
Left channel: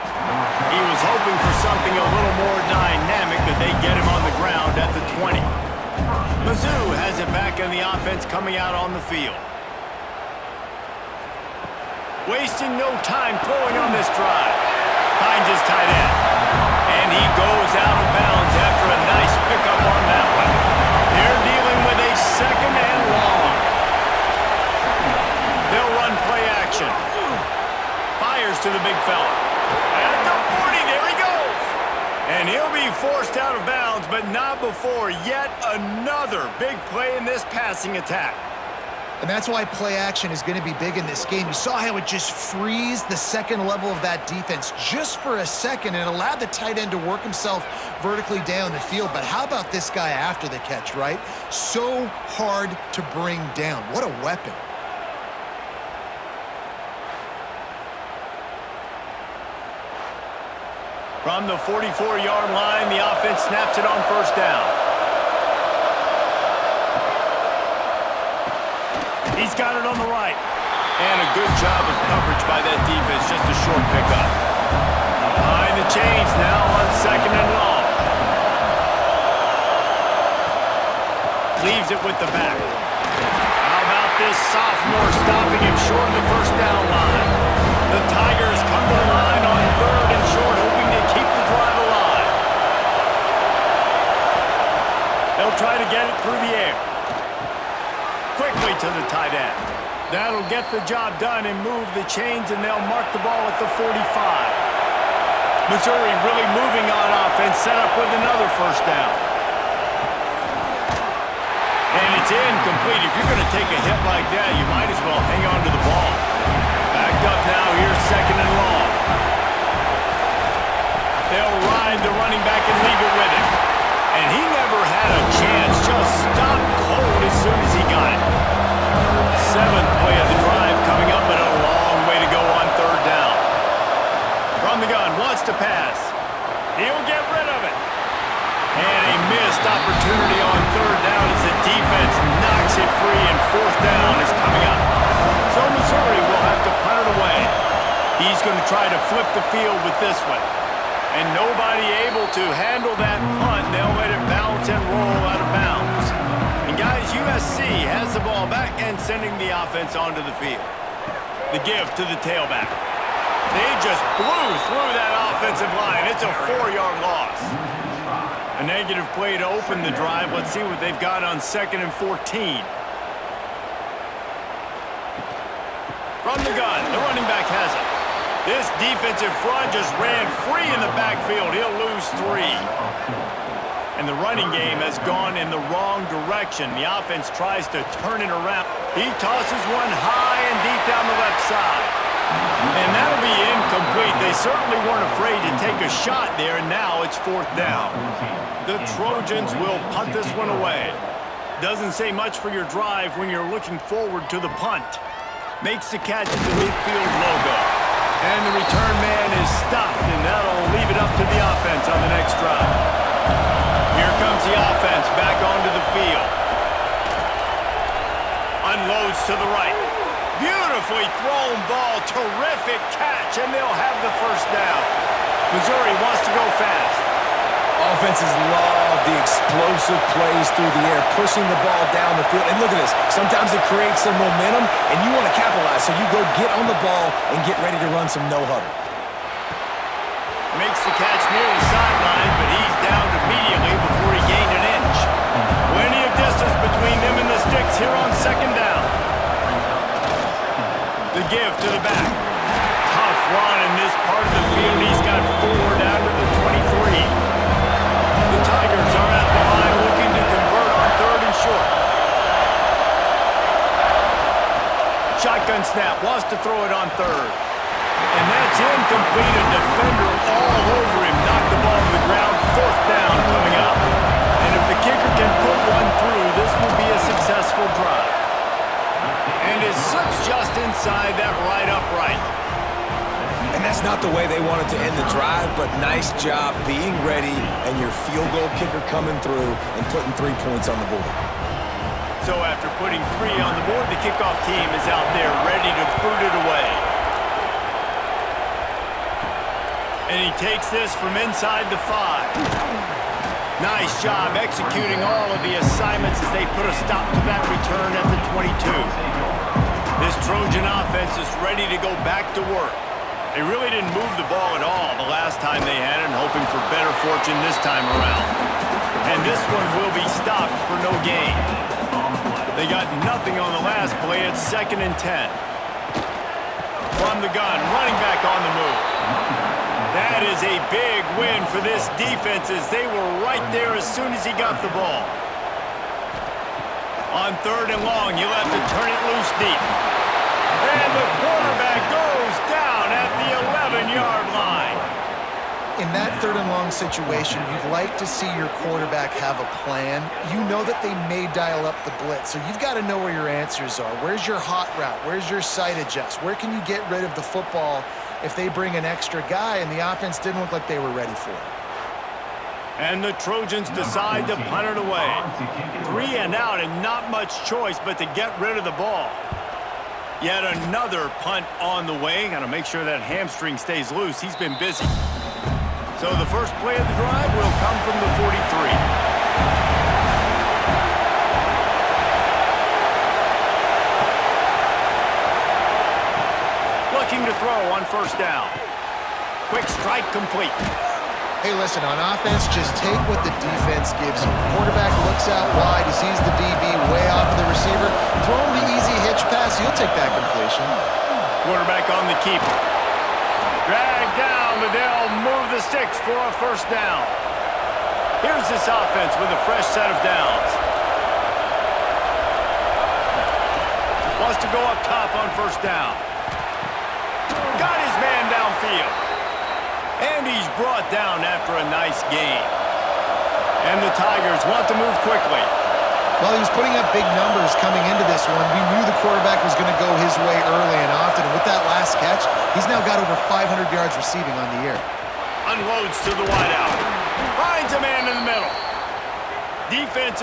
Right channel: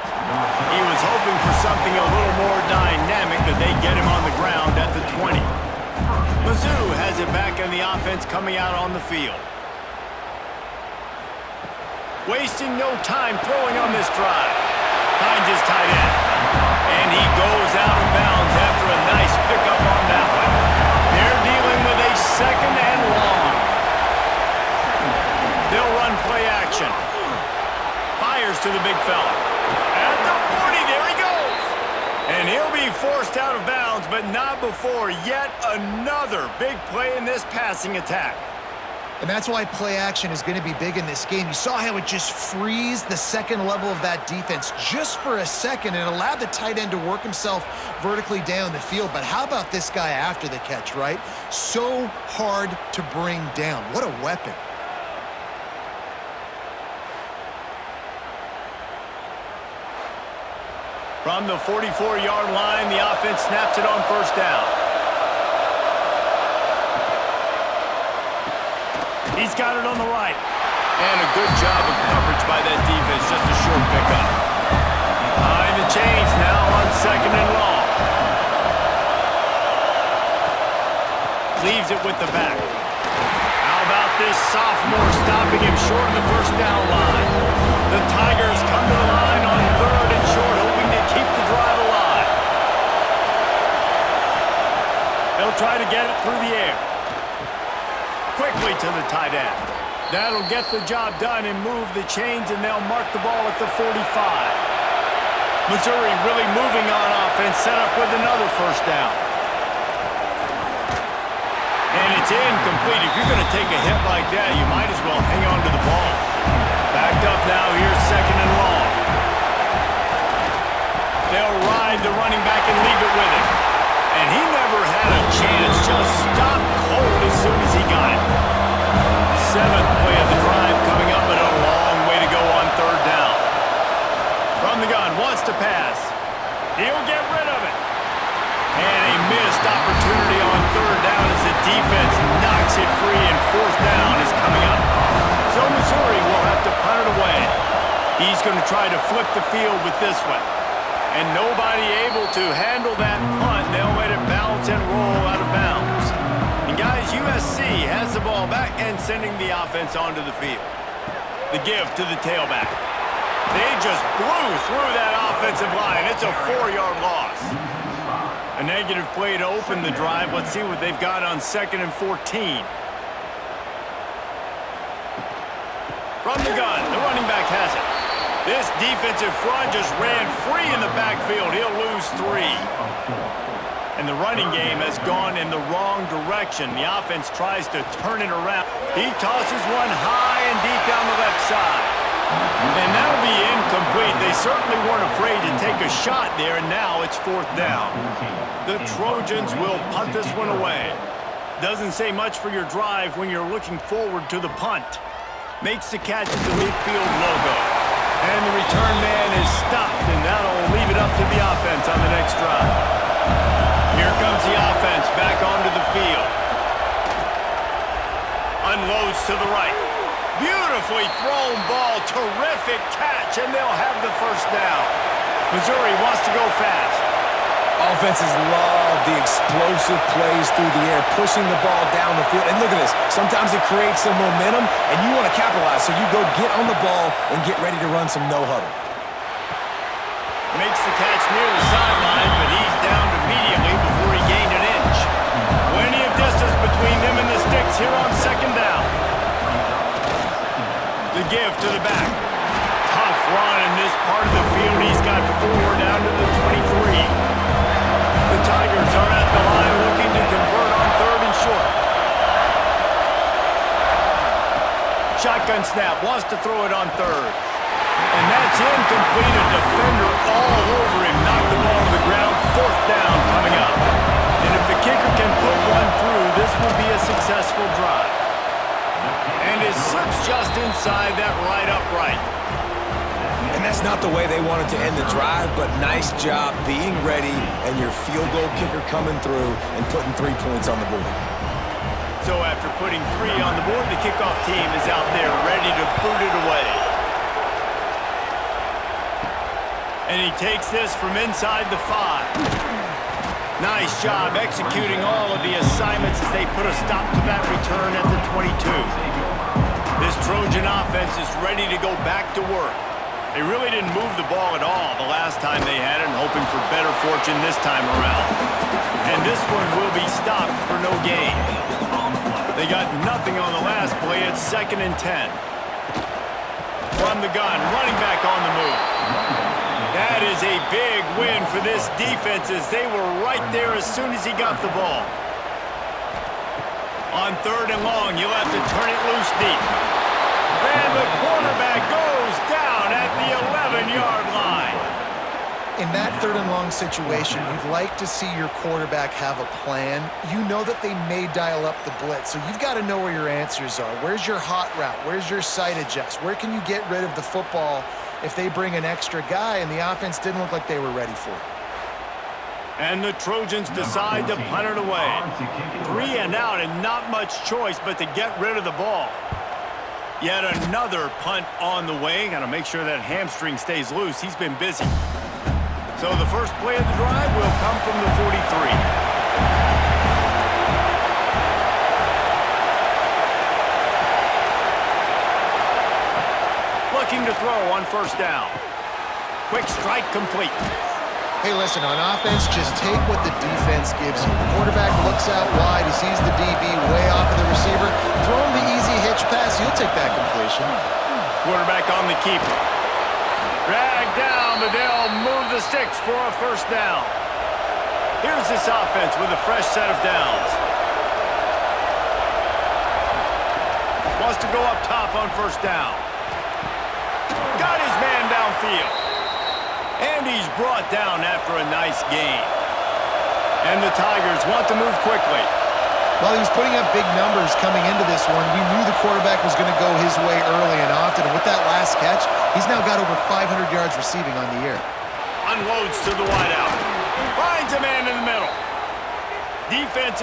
He was hoping for something a little more dynamic, that they get him on the ground at the 20. Mizzou has it back on the offense coming out on the field. Wasting no time throwing on this drive. Finds his tight end. And he goes out of bounds after a nice pickup on that one. They're dealing with a second and long. They'll run play action. Fires to the big fella. At the 40, there he goes. And he'll be forced out of bounds, but not before yet another big play in this passing attack. And that's why play action is going to be big in this game. You saw how it just frees the second level of that defense just for a second and allowed the tight end to work himself vertically down the field. But how about this guy after the catch, right? So hard to bring down. What a weapon. From the 44-yard line, the offense snaps it on first down. He's got it on the right. And a good job of coverage by that defense, just a short pickup. Behind the chains now on second and long. Leaves it with the back. How about this sophomore stopping him short of the first down line? The Tigers come to the line on third and short, hoping to keep the drive alive. They'll try to get it through the air. Quickly to the tight end. That'll get the job done and move the chains, and they'll mark the ball at the 45. Missouri really moving on offense, set up with another first down. And it's incomplete. If you're going to take a hit like that, you might as well hang on to the ball. Backed up now, here's second and long. They'll ride the running back and leave it with him. And he never had a chance, just stopped cold as soon as he got it. Seventh play of the drive coming up, but a long way to go on third down. From the gun, wants to pass. He'll get rid of it. And a miss missed opportunity on third down as the defense knocks it free and fourth down is coming up. So Missouri will have to punt it away. He's going to try to flip the field with this one. And nobody able to handle that punt. They'll let it bounce and roll out of bounds. And guys, USC has the ball back and sending the offense onto the field. The give to the tailback. They just blew through that offensive line. It's a 4-yard loss. A negative play to open the drive. Let's see what they've got on 2nd and 14. From the gun, the running back has it. This defensive front just ran free in the backfield. He'll lose 3. And the running game has gone in the wrong direction. The offense tries to turn it around. He tosses one high and deep down the left side. And that'll be incomplete. They certainly weren't afraid to take a shot there, and now it's 4th down. The Trojans will punt this one away. Doesn't say much for your drive when you're looking forward to the punt. Makes the catch at the midfield logo. And the return man is stopped, and that'll leave it up to the offense on the next drive. Here comes the offense back onto the field. Unloads to the right. Beautifully thrown ball. Terrific catch, and they'll have the first down. Missouri wants to go fast. Offenses love the explosive plays through the air, pushing the ball down the field. And look at this. Sometimes it creates some momentum, and you want to capitalize. So you go get on the ball and get ready to run some no-huddle. Makes the catch near the sideline, but he's downed immediately before he gained an inch. Plenty of distance between them and the sticks here on 2nd down. The give to the back. Tough run in this part of the field. He's got 4 down to the 23. The Tigers are at the line looking to convert on 3rd and short. Shotgun snap, wants to throw it on 3rd. And that's incomplete. A defender all over him. Knocked the ball to the ground. 4th down coming up. And if the kicker can put one through, this will be a successful drive. And it slips just inside that right upright. And that's not the way they wanted to end the drive, but nice job being ready and your field goal kicker coming through and putting 3 points on the board. So after putting 3 on the board, the kickoff team is out there ready to boot it away. And he takes this from inside the 5. Nice job executing all of the assignments as they put a stop to that return at the 22. This Trojan offense is ready to go back to work. They really didn't move the ball at all the last time they had it, and hoping for better fortune this time around. And this one will be stopped for no gain. They got nothing on the last play. It's 2nd and 10. From the gun, running back on the move. That is a big win for this defense as they were right there as soon as he got the ball. On 3rd and long, you'll have to turn it loose deep. And the quarterback goes down at the 11-yard line. In that 3rd and long situation, you'd like to see your quarterback have a plan. You know that they may dial up the blitz, so you've got to know where your answers are. Where's your hot route? Where's your sight adjust? Where can you get rid of the football if they bring an extra guy? And the offense didn't look like they were ready for it. And the Trojans decide to punt it away. 3 and out and not much choice but to get rid of the ball. Yet another punt on the way. Got to make sure that hamstring stays loose. He's been busy. So the first play of the drive will come from the 43. Looking to throw on 1st down. Quick strike complete. Hey, listen, on offense, just take what the defense gives you. Quarterback looks out wide. He sees the DB way off of the receiver. Throw him the easy hitch pass. He'll take that completion. Quarterback on the keeper. Drag down, but they'll move the sticks for a 1st down. Here's this offense with a fresh set of downs. Wants to go up top on 1st down. Got his man downfield. And he's brought down after a nice gain. And the Tigers want to move quickly. Well, he was putting up big numbers coming into this one. We knew the quarterback was going to go his way early and often. And with that last catch, he's now got over 500 yards receiving on the year. Unloads to the wideout. Finds a man in the middle. Defense.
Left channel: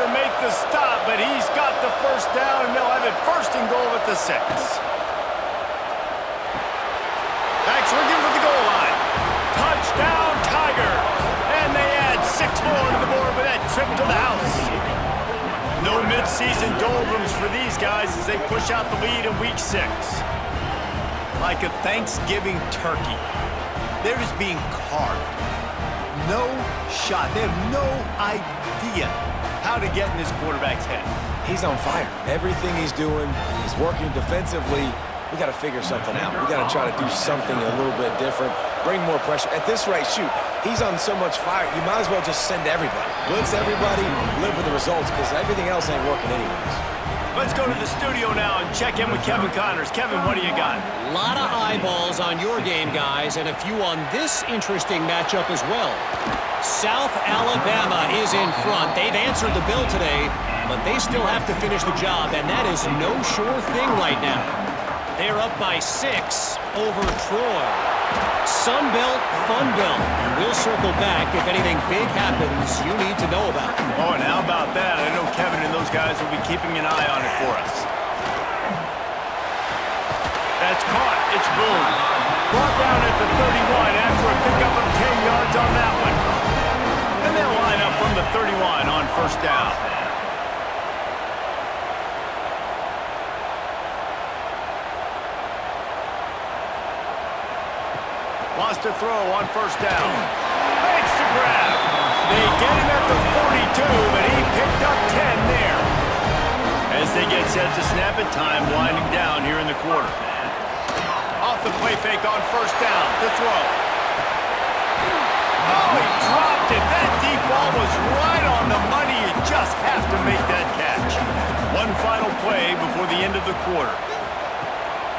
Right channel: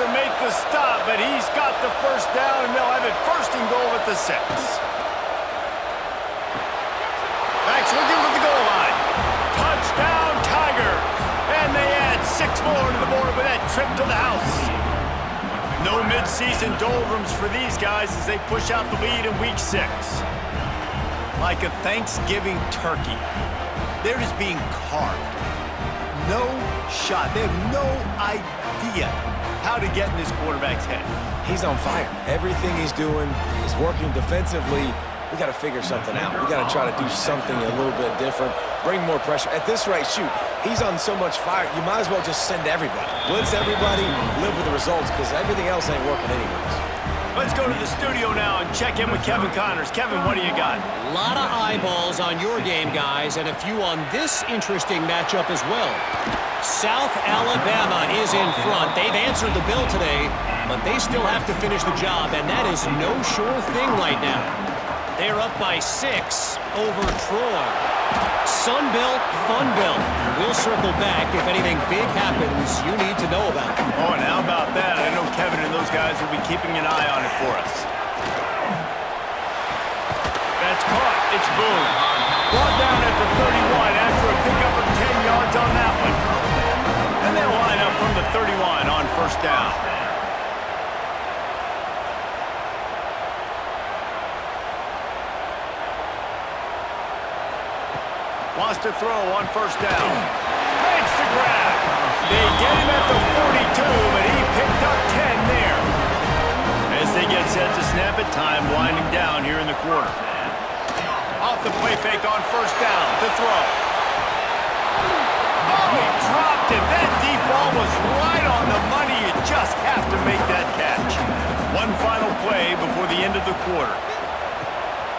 To make the stop, but he's got the first down, and they'll have it first and goal at the 6. Backs looking for the goal line. Touchdown, Tigers! And they add 6 more to the board with that trip to the house. No midseason doldrums for these guys as they push out the lead in Week 6. Like a Thanksgiving turkey, they're just being carved. No shot. They have no idea how to get in this quarterback's head. He's on fire. Everything he's doing is working defensively. We got to figure something out. We got to try to do something a little bit different, bring more pressure. At this rate, shoot, he's on so much fire, you might as well just send everybody. Blitz everybody, live with the results, because everything else ain't working anyways. Let's go to the studio now and check in with Kevin Connors. Kevin, what do you got? A lot of eyeballs on your game, guys, and a few on this interesting matchup as well. South Alabama is in front. They've answered the bell today, but they still have to finish the job, and that is no sure thing right now. They're up by 6 over Troy. Sun Belt, Fun Belt. We'll circle back if anything big happens you need to know about. Oh, and how about that? I know Kevin and those guys will be keeping an eye on it for us. That's caught. It's Boone. Brought down at the 31 after a pickup of 10 yards on that one. And they'll line up from the 31 on first down. Wants to throw on first down. Makes the grab. They get him at the 42, but he picked up 10 there. As they get set to snap it, time winding down here in the quarter. Off the play fake on first down to throw. Oh, he dropped it. That deep ball was right on the money. You just have to make that catch. One final play before the end of the quarter.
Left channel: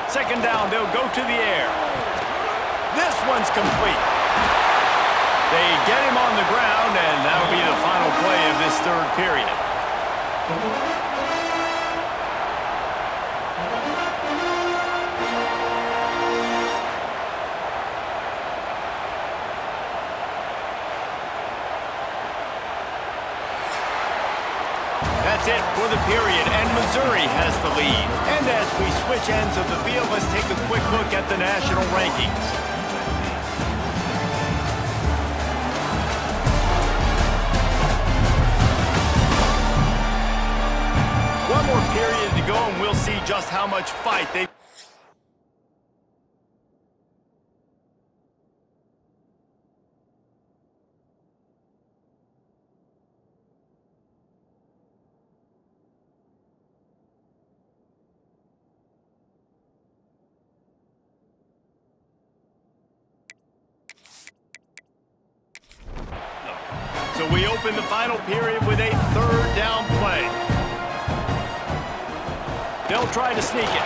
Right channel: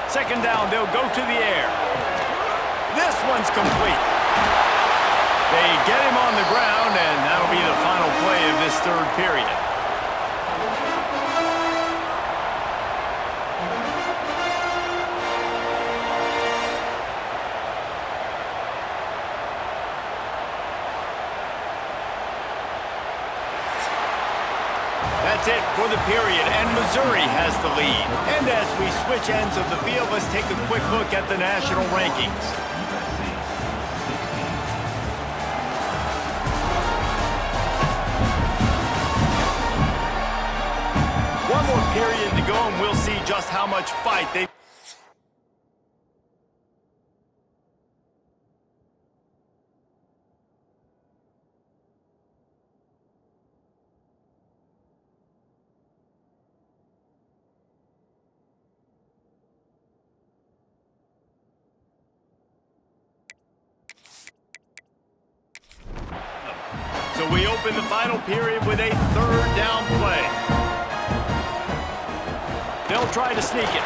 Second down, they'll go to the air. This one's complete. They get him on the ground, and that'll be the final play of this third period. That's it for the period, and Missouri has the lead. And as we switch ends of the field, let's take a quick look at the national rankings. One more period to go, and we'll see just how much fight they... So we open the final period with a third down play. They'll try to sneak it.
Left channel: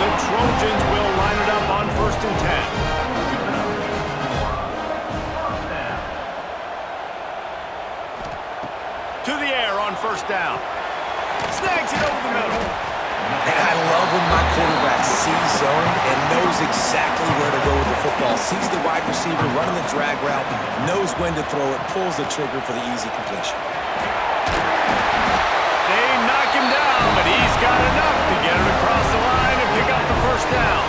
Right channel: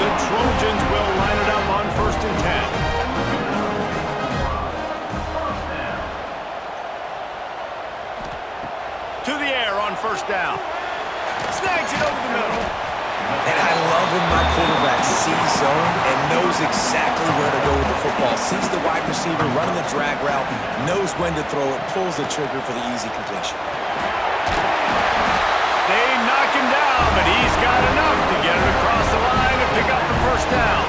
The Trojans will line it up on 1st and 10. To the air on first down. Snags it over the middle. And I love when my quarterback sees zone and knows exactly where to go with the football. Sees the wide receiver running the drag route, knows when to throw it, pulls the trigger for the easy completion. They knock him down, but he's got enough to get it across the line and pick up the first down.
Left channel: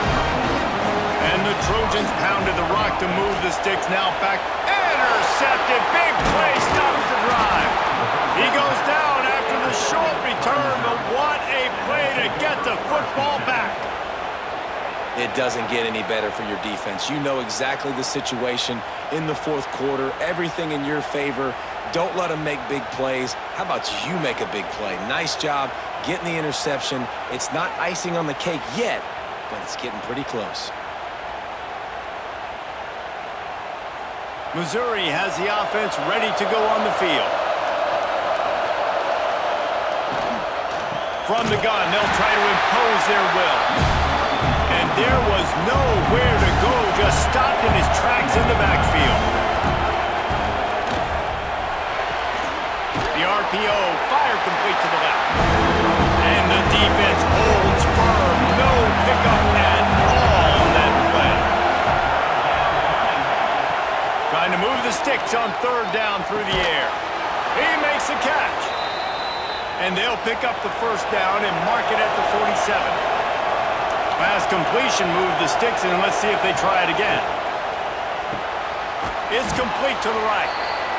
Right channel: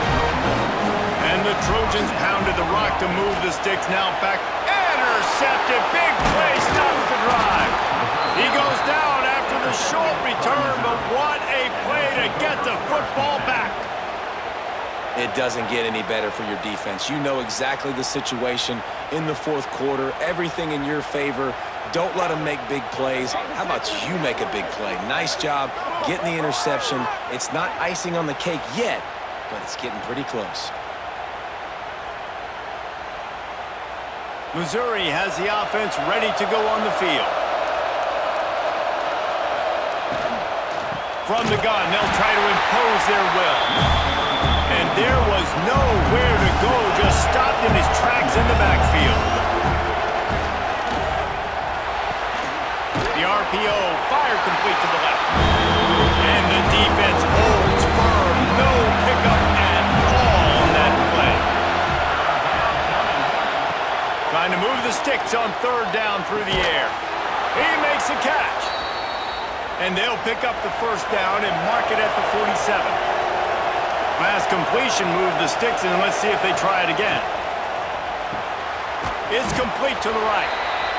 And the Trojans pounded the rock to move the sticks. Now back. Intercepted. Big play stops the drive. He goes down after the short return, but what a play to get the football back. It doesn't get any better for your defense. You know exactly the situation in the fourth quarter. Everything in your favor. Don't let them make big plays. How about you make a big play? Nice job getting the interception. It's not icing on the cake yet, but it's getting pretty close. Missouri has the offense ready to go on the field. From the gun, they'll try to impose their will. And there was nowhere to go. Just stop stopped in his tracks in the backfield. The RPO, fire complete to the left. And the defense holds firm. No pickup at all on that play. Trying to move the sticks on third down through the air. He makes a catch. And they'll pick up the first down and mark it at the 47. Pass completion, move the sticks, and let's see if they try it again. It's complete to the right.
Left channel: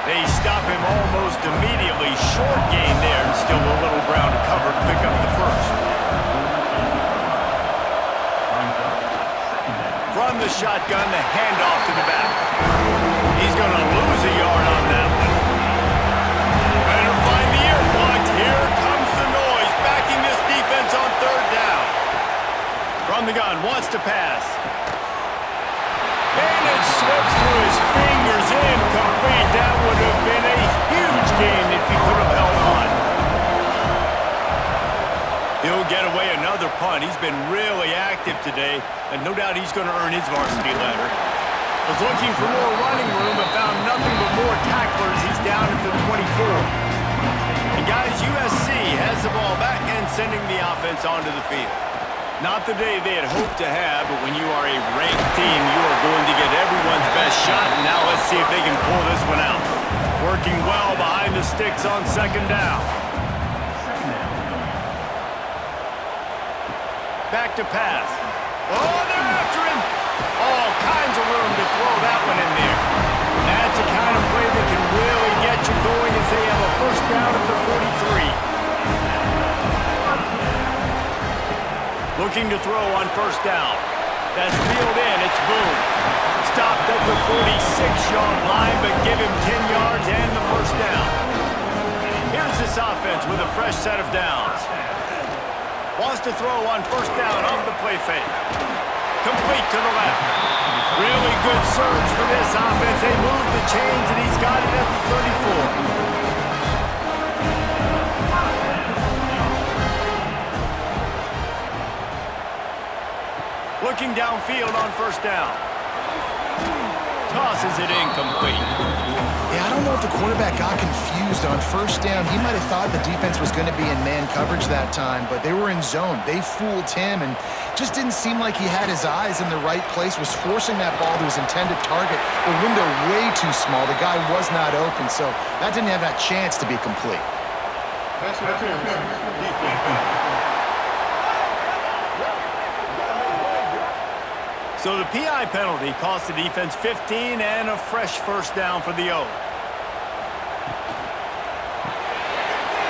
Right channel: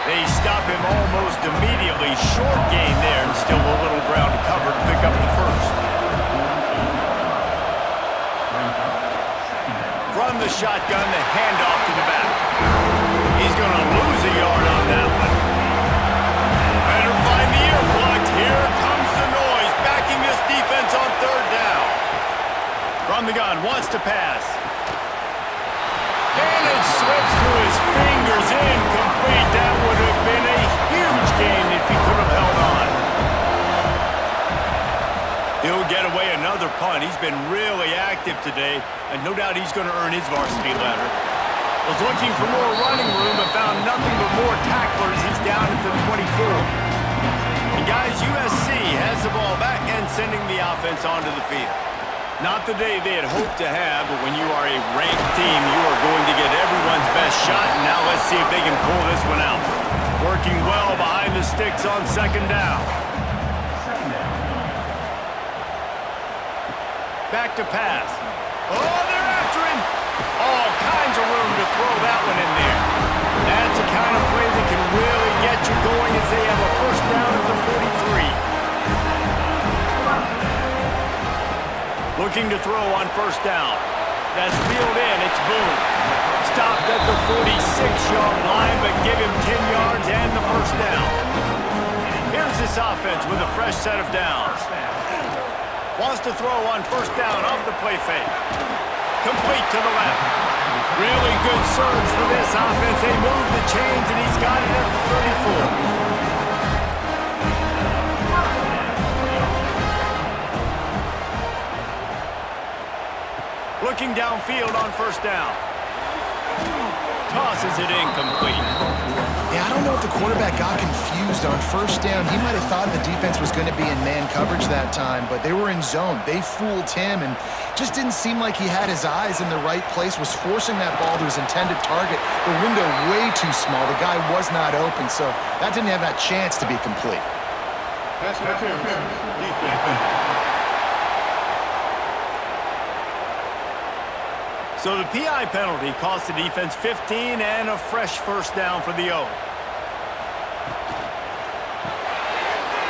They stop him almost immediately. Short gain there, and still a little ground to cover to pick up the first. From the shotgun, the handoff to the back. He's going to lose a yard on that one. Better find the earplugs. Here comes the noise, backing this defense on third down. From the gun, wants to pass. And it slips through his fingers, incomplete. That would have been a huge gain if he could have held on. He'll get away another punt. He's been really active today, and no doubt he's going to earn his varsity letter. Was looking for more running room, but found nothing but more tacklers. He's down at the 24. And guys, USC has the ball back and sending the offense onto the field. Not the day they had hoped to have, but when you are a ranked team, you are going to get everyone's best shot. And now let's see if they can pull this one out. Working well behind the sticks on second down. Back to pass. Oh, they're after him. All kinds of room to throw that one in there. That's the kind of play that can really get you going as they have a first down at the 43. Looking to throw on first down. That's reeled in. It's Boone. Stopped at the 46-yard line, but give him 10 yards and the first down. Here's this offense with a fresh set of downs. Wants to throw on first down off the play fake. Complete to the left. Really good surge for this offense. They move the chains, and he's got it at the 34. Looking downfield on first down. Tosses it incomplete. Yeah, I don't know if the quarterback got confused on first down. He might have thought the defense was going to be in man coverage that time, but they were in zone. They fooled him and just didn't seem like he had his eyes in the right place, was forcing that ball to his intended target. The window way too small. The guy was not open, so that didn't have that chance to be complete. Pass interference. Defense. So the PI penalty cost the defense 15 and a fresh first down for the O.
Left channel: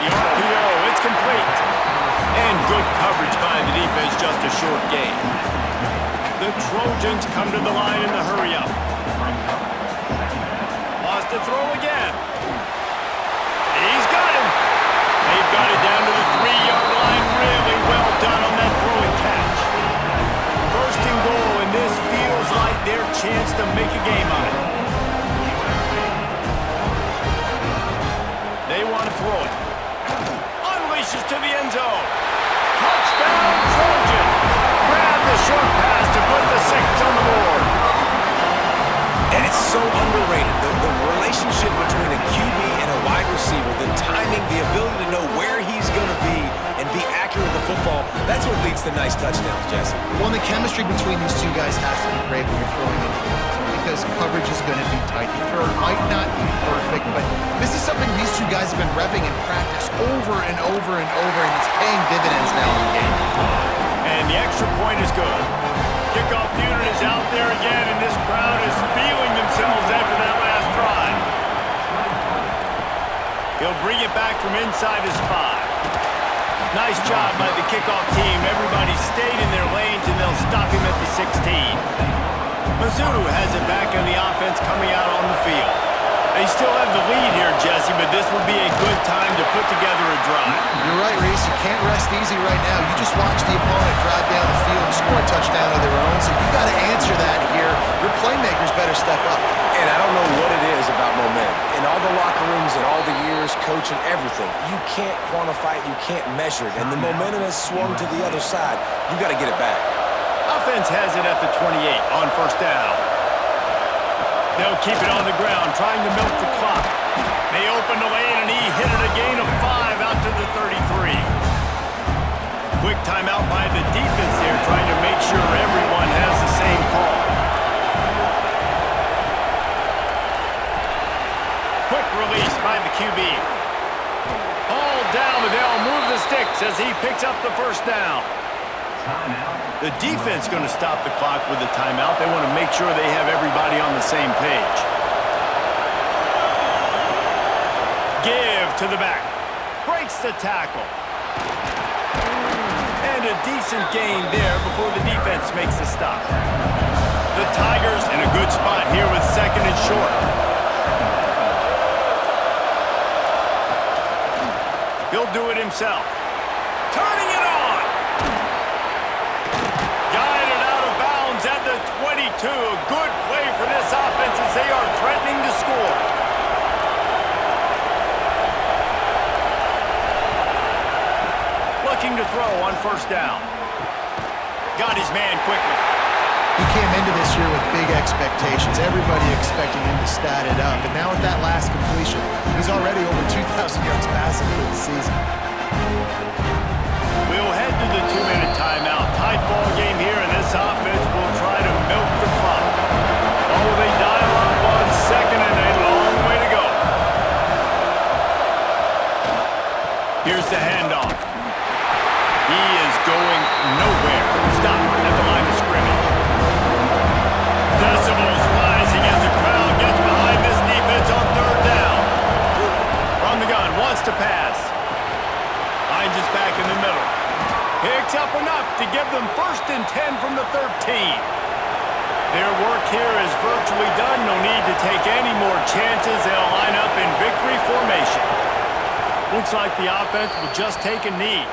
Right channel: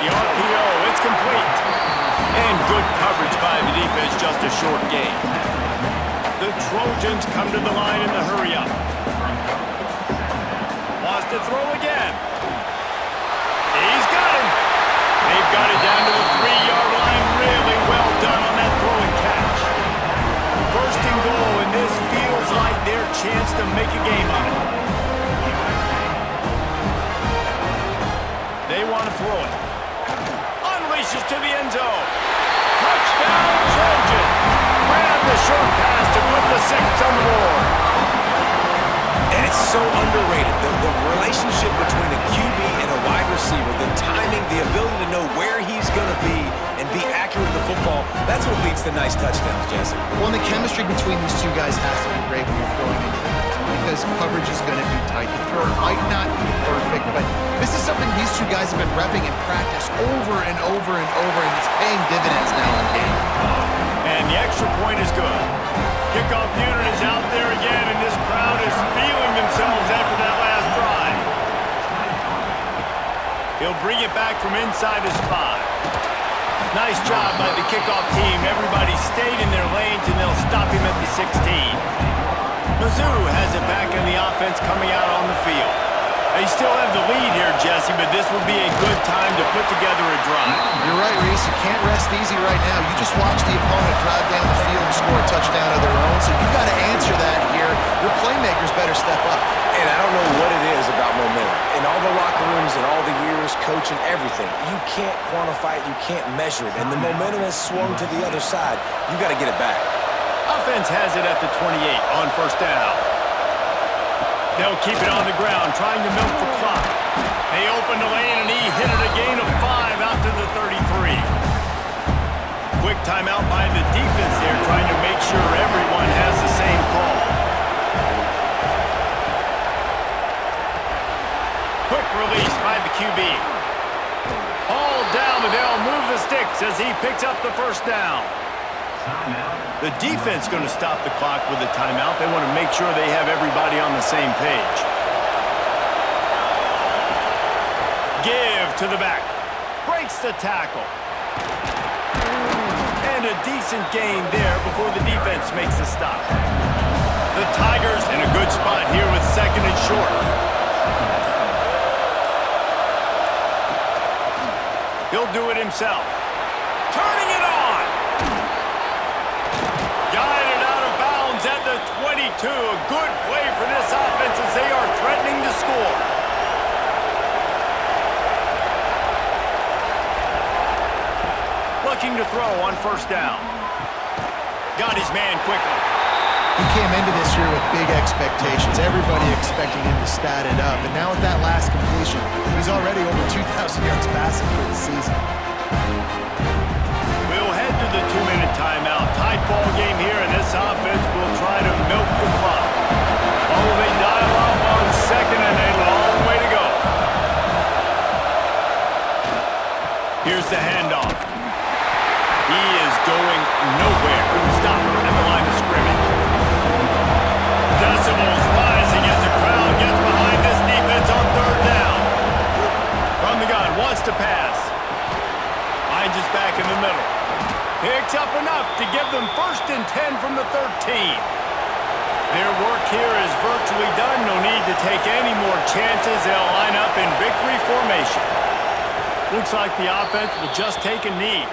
The RPO, it's complete. And good coverage by the defense, just a short gain. The Trojans come to the line in the hurry-up. Wants to throw again. He's got him. They've got it down to the 3-yard line. Really well done on that throw and catch. First and goal, and this feels like their chance to make a game on it. They want to throw it. Unleashes to the end zone. Touchdown, Trojans. Grab the short pass to put the 6 on the board. And it's so underrated. The relationship between a QB and a wide receiver, the timing, the ability to know where he's going to be and be accurate with the football, that's what leads to nice touchdowns, Jesse. Well, and the chemistry between these two guys has to be great when you're throwing into the end zone because coverage is going to be tight. The throw might not be perfect, but this is something these two guys have been repping in practice over and over and over, and it's paying dividends now in game. And the extra point is good. Kickoff unit is out there again, and this crowd is feeling themselves after that last drive. He'll bring it back from inside his 5. Nice job by the kickoff team. Everybody stayed in their lanes, and they'll stop him at the 16. Mizzou has it back in the offense coming out on the field. They still have the lead here, Jesse, but this will be a good time to put together a drive. You're right, Reese. You can't rest easy right now. You just watch the opponent drive down the field and score a touchdown of their own, so you've got to answer that here. Your playmakers better step up. And I don't know what it is about momentum. In all the locker rooms and all the years, coaching, everything, you can't quantify it, you can't measure it. And the momentum has swung to the other side. You got to get it back. Offense has it at the 28 on first down. They'll keep it on the ground, trying to milk the clock. They open the lane, and he hit it a gain of 5 out to the 33. Quick timeout by the defense there, trying to make sure everyone has the same call. Quick release by the QB. All down, but they'll move the sticks as he picks up the first down. The defense going to stop the clock with a timeout. They want to make sure they have everybody on the same page. Give to the back. Breaks the tackle. And a decent gain there before the defense makes the stop. The Tigers in a good spot here with 2nd and short. He'll do it himself. Turning it on. Guided out of bounds at the 22. A good play for this offense as they are threatening to score. Looking to throw on first down. Got his man quickly. He came into this year with big expectations. Everybody expecting him to stat it up. And now with that last completion, he's already over 2,000 yards passing for the season. We'll head to the 2-minute timeout. Tight ball game here, and this offense will try to milk the clock. Oh, they dial up on 2nd and a long way to go. Here's the handoff. He is going nowhere. Stop at the line of scrimmage. Decibels rising as the crowd gets behind this defense on 3rd down. From the gun, wants to pass. Finds his back in the middle. Picks up enough to give them 1st and 10 from the 13. Their work here is virtually done. No need to take any more chances. They'll line up in victory formation. Looks like the offense will just take a knee.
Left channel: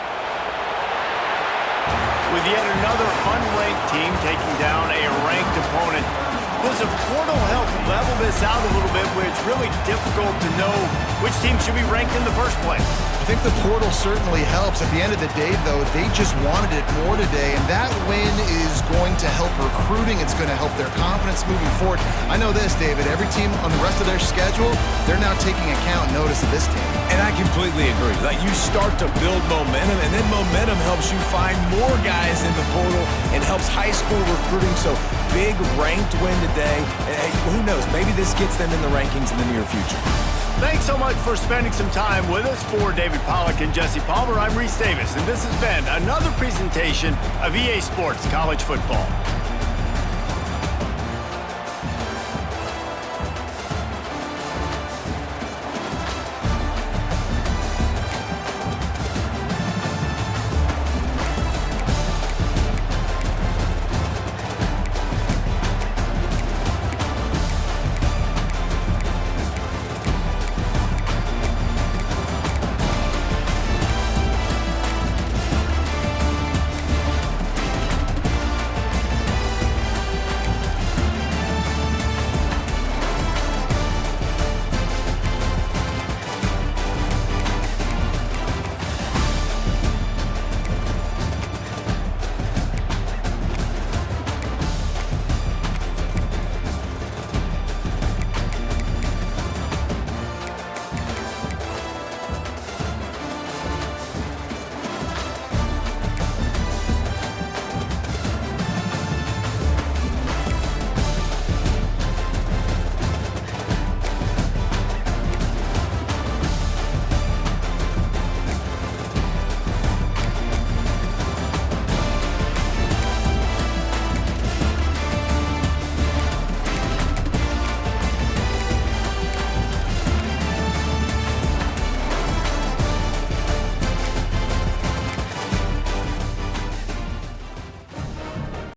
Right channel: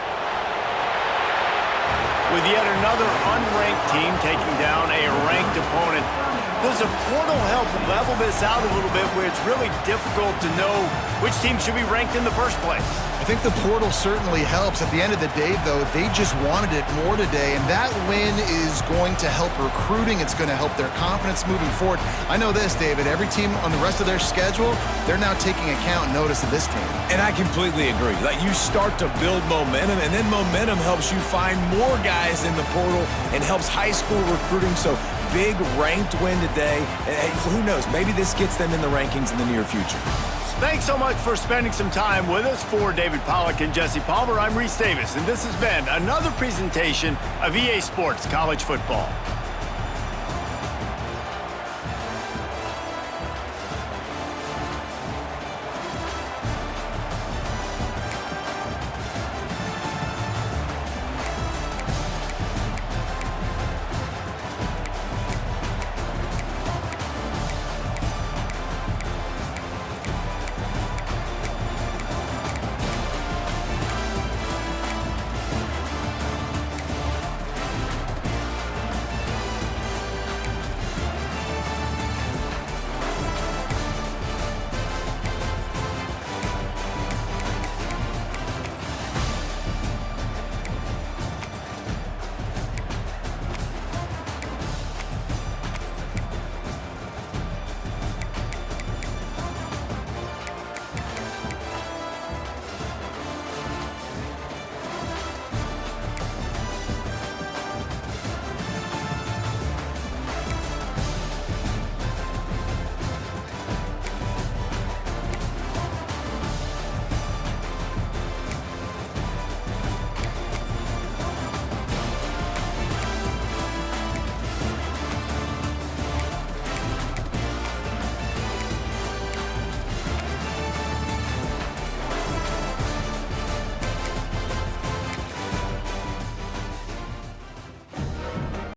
With yet another unranked team taking down a ranked opponent, does a portal help level this out a little bit where it's really difficult to know which team should be ranked in the first place? I think the portal certainly helps. At the end of the day, though, they just wanted it more today, and that win is going to help recruiting. It's going to help their confidence moving forward. I know this, David. Every team on the rest of their schedule, they're now taking account and notice of this team. And I completely agree. Like, you start to build momentum, and then momentum helps you find more guys in the portal and helps high school recruiting. So big ranked win today. And hey, who knows? Maybe this gets them in the rankings in the near future. Thanks so much for spending some time with us. For David Pollack and Jesse Palmer, I'm Reese Davis, and this has been another presentation of EA Sports College Football.